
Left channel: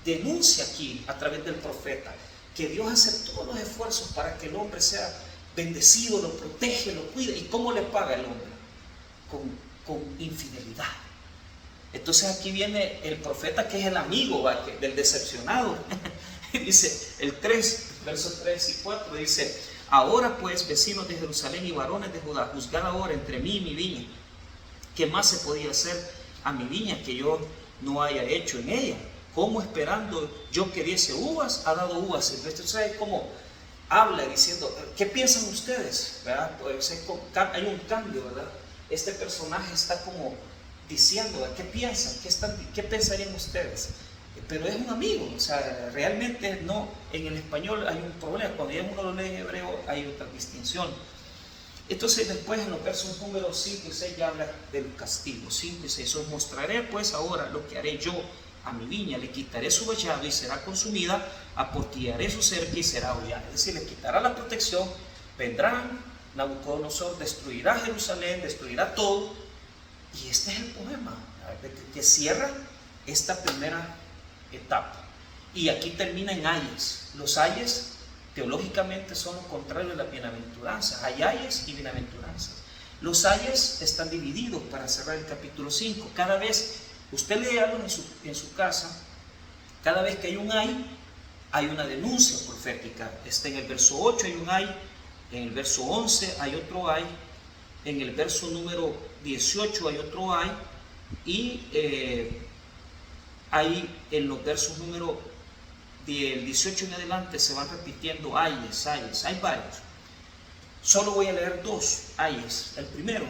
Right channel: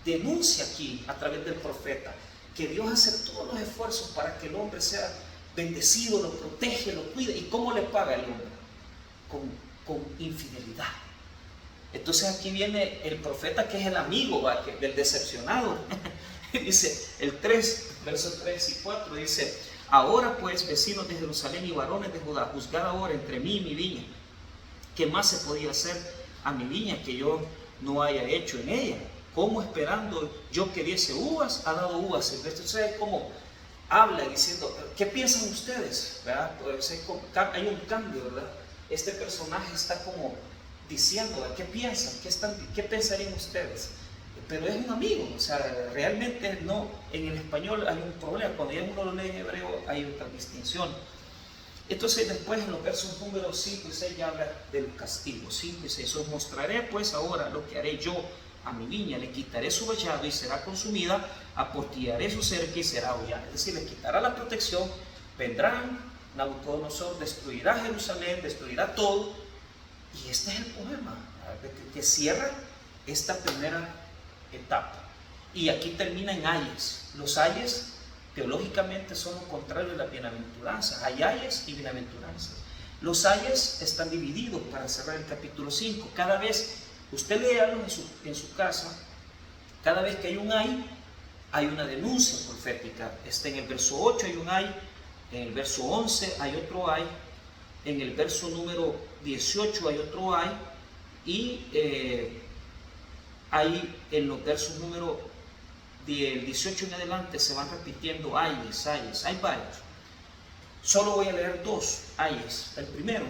denuncia aquí a través del profeta, que Dios hace todos los esfuerzos para que el hombre sea bendecido, lo protege, lo cuida. ¿Y cómo le paga el hombre? Con infidelidad. Entonces aquí viene el profeta, que es el amigo del decepcionado. Dice el 3, versos 3 y 4, dice: ahora pues, vecinos de Jerusalén y varones de Judá, juzgad ahora entre mí y mi viña. ¿Qué más se podía hacer a mi viña que yo no haya hecho en ella? ¿Cómo esperando yo que diese uvas, ha dado uvas? Entonces es como habla diciendo, ¿qué piensan ustedes? ¿Verdad? Pues hay un cambio, ¿verdad? Este personaje está como diciendo, ¿qué piensan? ¿Qué pensarían ustedes? Pero es un amigo, o sea, realmente no. En el español hay un problema, cuando ya uno lo lee en hebreo hay otra distinción. Entonces después en los versos números 5 y 6 ya habla del castigo. 5 y 6, os mostraré pues ahora lo que haré yo a mi viña, le quitaré su vallado y será consumida, aportillaré su cerca y será hollada. Es decir, le quitará la protección, vendrán, Nabucodonosor destruirá Jerusalén, destruirá todo. Y este es el poema que cierra esta primera etapa. Y aquí termina en ayes. Los ayes teológicamente son lo contrario de las bienaventuranzas. Hay ayes y bienaventuranzas. Los ayes están divididos para cerrar el capítulo 5. Cada vez, usted léalo en su casa, cada vez que hay un ay, hay una denuncia profética. Está en el verso 8 hay un ay, en el verso 11 hay otro ay, en el verso número 18 hay otro ay, y ahí en los versos número del 18 en adelante se van repitiendo ayes, hay varios. Solo voy a leer dos ayes. El primero,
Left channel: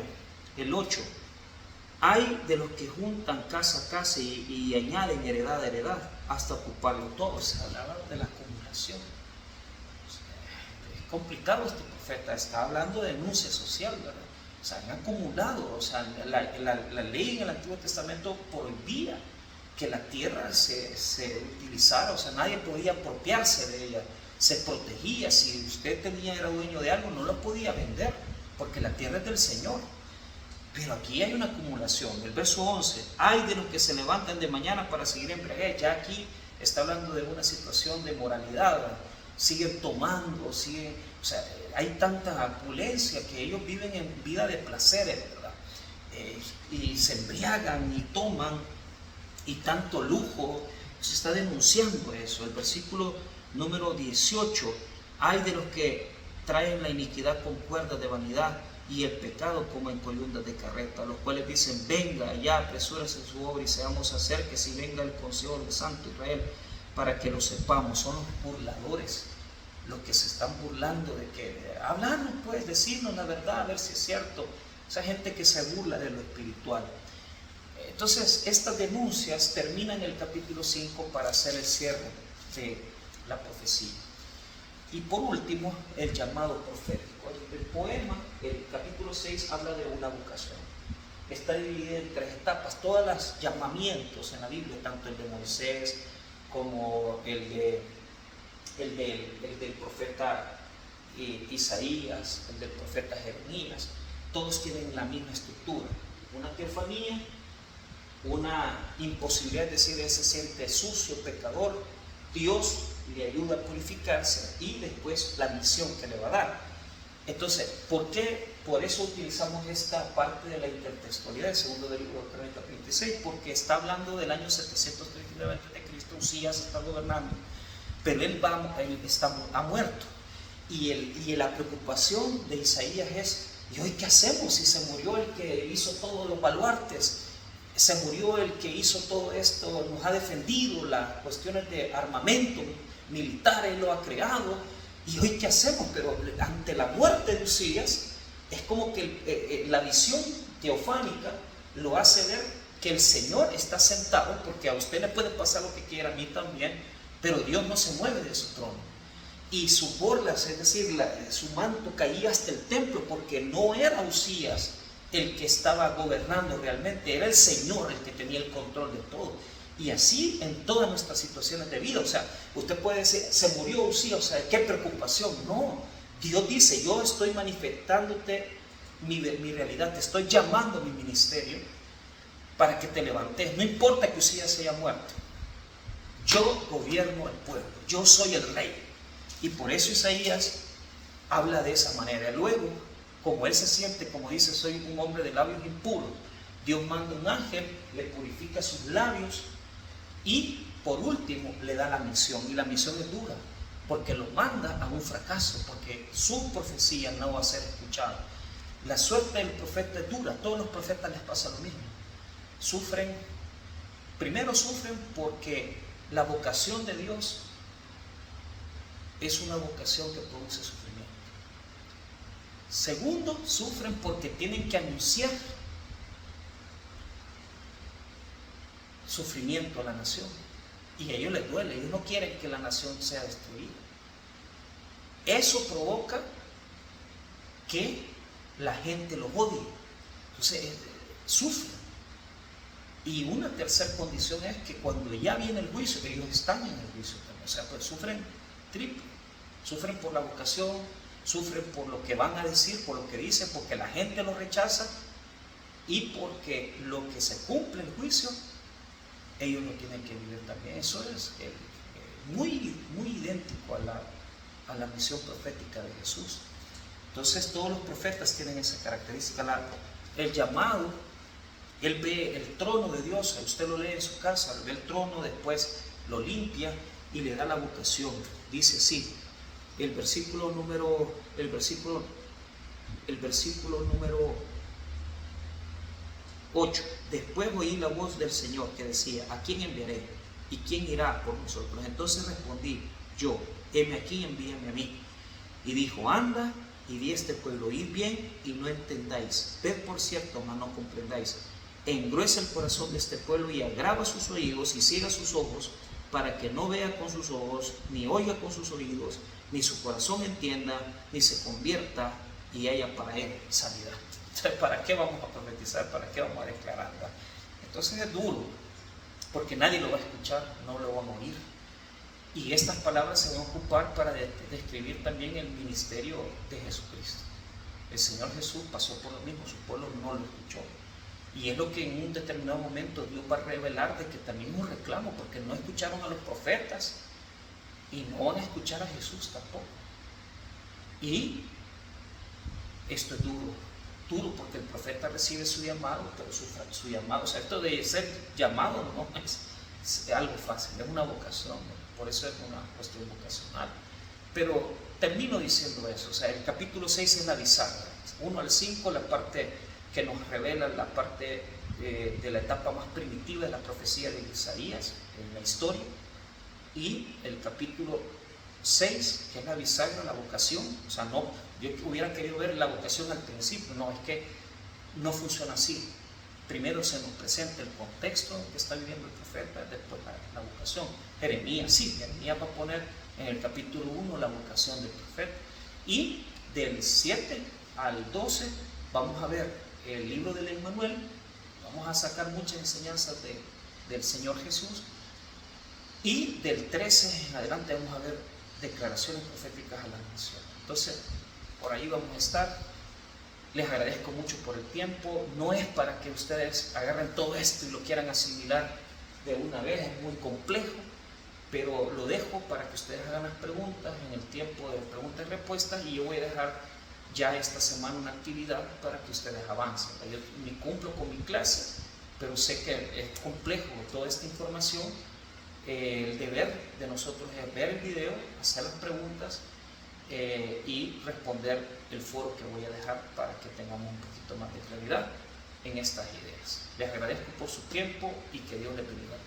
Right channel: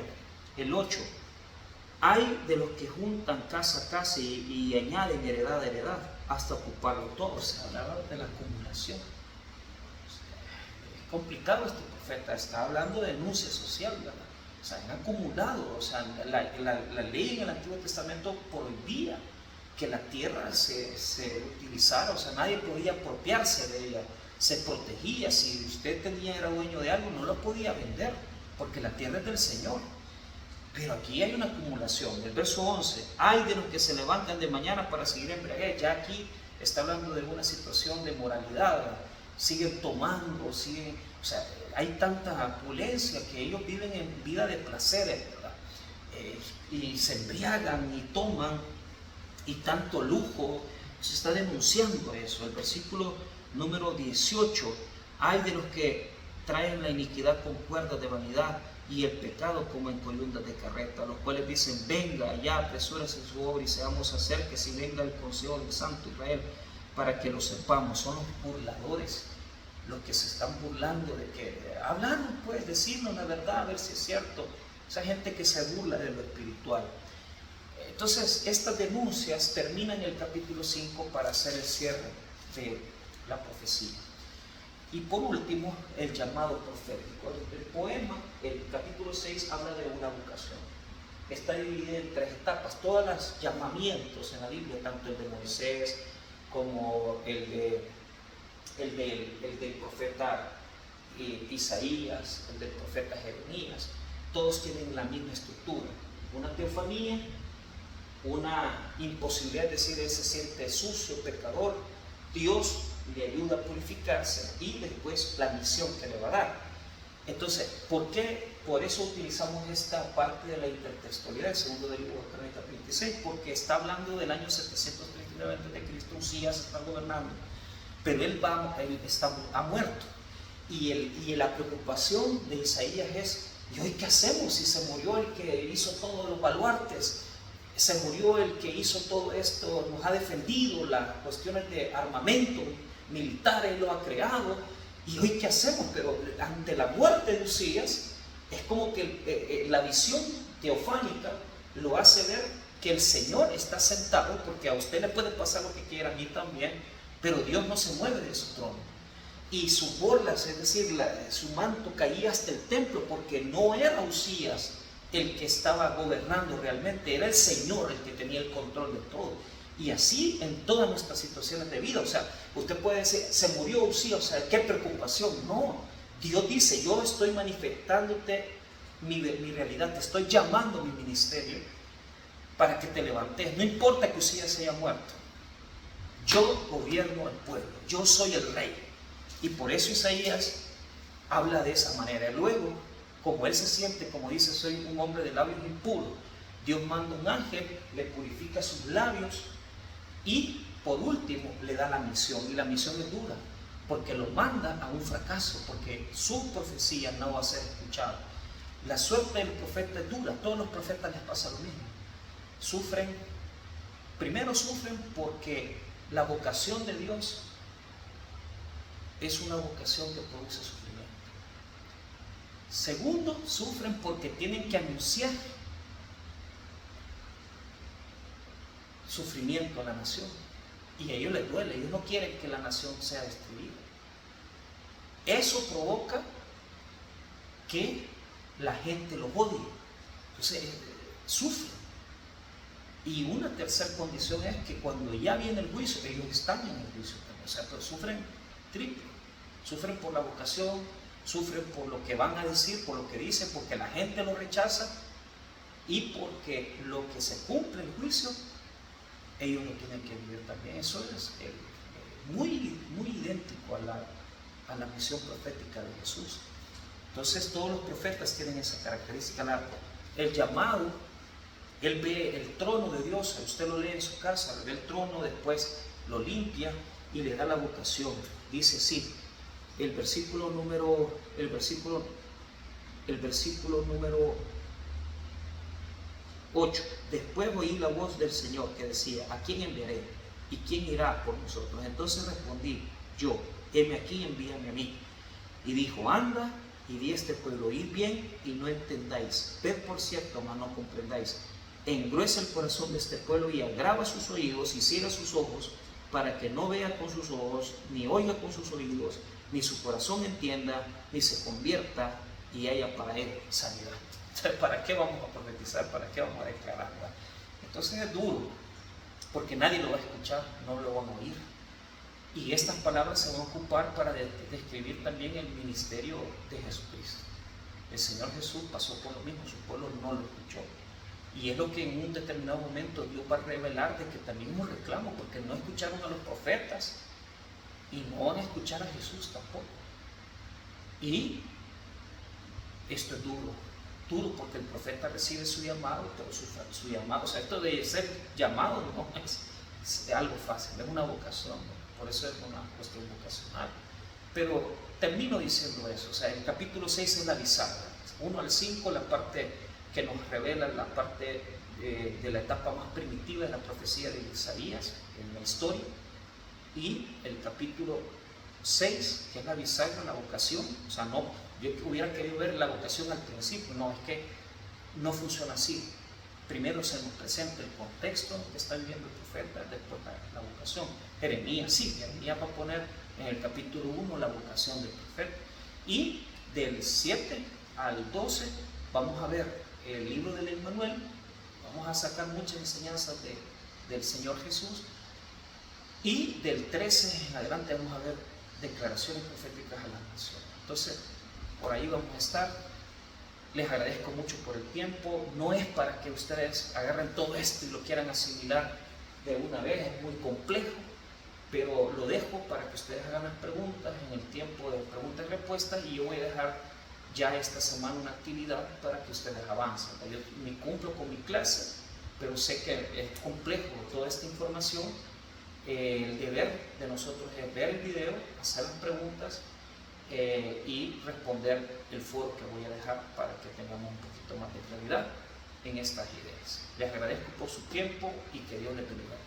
el 8. Hay de los que juntan casa a casa y añaden heredad a heredad hasta ocuparlo todo. Se hablaba de la acumulación. Es complicado este profeta, está hablando de denuncia social, ¿verdad? O sea, han acumulado, o sea, la ley en el Antiguo Testamento prohibía que la tierra se utilizara, o sea, nadie podía apropiarse de ella, se protegía. Si usted era dueño de algo, no lo podía vender, porque la tierra es del Señor. Pero aquí hay una acumulación. El verso 11, hay de los que se levantan de mañana para seguir embriaguez. Ya aquí está hablando de una situación de moralidad, ¿verdad? Siguen tomando, o sea, hay tanta opulencia que ellos viven en vida de placeres, ¿verdad? Y se embriagan y toman, y tanto lujo. Se está denunciando eso. El versículo número 18, hay de los que traen la iniquidad con cuerdas de vanidad y el pecado como en columnas de carreta, los cuales dicen, venga ya, apresúrese en su obra y seamos acerques y venga el consejo del Santo Israel para que lo sepamos. Son los burladores, los que se están burlando de que hablarnos, pues, decirnos la verdad, a ver si es cierto. Esa gente que se burla de lo espiritual. Entonces, estas denuncias terminan en el capítulo 5 para hacer el cierre de la profecía. Y por último, el llamado profético. El poema, el capítulo 6, habla de una vocación. Está dividido en 3 etapas. Todos los llamamientos en la Biblia, tanto el de Moisés como el del profeta Isaías, el del profeta Jeremías, todos tienen la misma estructura. Una teofanía, una imposibilidad de decir ese ser que es sucio, pecador, Dios le ayuda a purificarse y después la misión que le va a dar. Entonces, ¿por qué? Por eso utilizamos esta parte de la intertextualidad del segundo del libro de Crónicas 26, porque está hablando del año 739 a.C., Usías está gobernando, pero él ha muerto. Y la preocupación de Isaías es, ¿y hoy qué hacemos? Si se murió el que hizo todos los baluartes, se murió el que hizo todo esto, nos ha defendido las cuestiones de armamento militar, él lo ha creado, y hoy qué hacemos. Pero ante la muerte de Usías es como que la visión teofánica lo hace ver que el Señor está sentado, porque a usted le puede pasar lo que quiera, a mí también, pero Dios no se mueve de su trono. Y sus borlas, es decir, su manto caía hasta el templo, porque no era Usías el que estaba gobernando realmente, era el Señor el que tenía el control de todo. Y así en todas nuestras situaciones de vida. O sea, usted puede decir, se murió Usías, o sea, qué preocupación. No, Dios dice, yo estoy manifestándote mi realidad, te estoy llamando a mi ministerio para que te levantes. No importa que Usías se haya muerto. Yo gobierno el pueblo, yo soy el rey. Y por eso Isaías habla de esa manera. Luego, como él se siente, como dice, soy un hombre de labios impuros, Dios manda un ángel, le purifica sus labios y por último le da la misión. Y la misión es dura, porque lo manda a un fracaso, porque su profecía no va a ser escuchada. La suerte del profeta es dura, a todos los profetas les pasa lo mismo. Primero sufren porque la vocación de Dios es una vocación que produce sufrimiento. Segundo, sufren porque tienen que anunciar sufrimiento a la nación. Y a ellos les duele, ellos no quieren que la nación sea destruida. Eso provoca que la gente los odie. Entonces, sufren. Y una tercera condición es que cuando ya viene el juicio, ellos están en el juicio también. O sea, pues sufren triple. Sufren por la vocación, sufren por lo que van a decir, por lo que dicen, porque la gente lo rechaza y porque lo que se cumple el juicio, ellos lo tienen que vivir también. Eso es muy idéntico a la misión profética de Jesús. Entonces todos los profetas tienen esa característica. El llamado, él ve el trono de Dios, usted lo lee en su casa, ve el trono, después lo limpia y le da la vocación. Dice así, el versículo número 8. Después oí la voz del Señor que decía, ¿a quién enviaré? ¿Y quién irá por nosotros? Entonces respondí yo, heme aquí, envíame a mí. Y dijo, anda y di a este pueblo, oíd bien y no entendáis, ved por cierto, mas no comprendáis. Engruesa el corazón de este pueblo y agrava sus oídos y ciega sus ojos, para que no vea con sus ojos, ni oiga con sus oídos, ni su corazón entienda, ni se convierta y haya para él sanidad. Entonces, ¿para qué vamos a profetizar? ¿Para qué vamos a declarar? Entonces es duro, porque nadie lo va a escuchar, no lo van a oír. Y estas palabras se van a ocupar para describir también el ministerio de Jesucristo. El Señor Jesús pasó por lo mismo, su pueblo no lo escuchó. Y es lo que en un determinado momento Dios va a revelar, de que también es un reclamo, porque no escucharon a los profetas y no van a escuchar a Jesús tampoco. Y esto es duro porque el profeta recibe su llamado, pero su llamado, o sea, esto de ser llamado no es algo fácil, es una vocación, ¿no? Por eso es una cuestión vocacional. Pero termino diciendo eso, o sea, el capítulo 6 es la bisagra, 1 al 5, la parte que nos revela la parte de la etapa más primitiva de la profecía de Isaías en la historia, y el capítulo 6, que es la bisagra, la vocación. O sea, no, yo hubiera querido ver la vocación al principio, no, es que no funciona así. Primero se nos presenta el contexto en que está viviendo el profeta, después la vocación. Jeremías va a poner en el capítulo 1 la vocación del profeta, y del 7 al 12 vamos a ver el libro del Emmanuel, vamos a sacar muchas enseñanzas del Señor Jesús, y del 13 en adelante vamos a ver declaraciones proféticas a la nación. Entonces, por ahí vamos a estar. Les agradezco mucho por el tiempo. No es para que ustedes agarren todo esto y lo quieran asimilar de una vez, es muy complejo, pero lo dejo para que ustedes hagan las preguntas en el tiempo de preguntas y respuestas, y yo voy a dejar ya esta semana una actividad para que ustedes avancen. Yo me cumplo con mi clase, pero sé que es complejo toda esta información. El deber de nosotros es ver el video, hacer las preguntas y responder el foro que voy a dejar para que tengamos un poquito más de claridad en estas ideas. Les agradezco por su tiempo y que Dios les bendiga.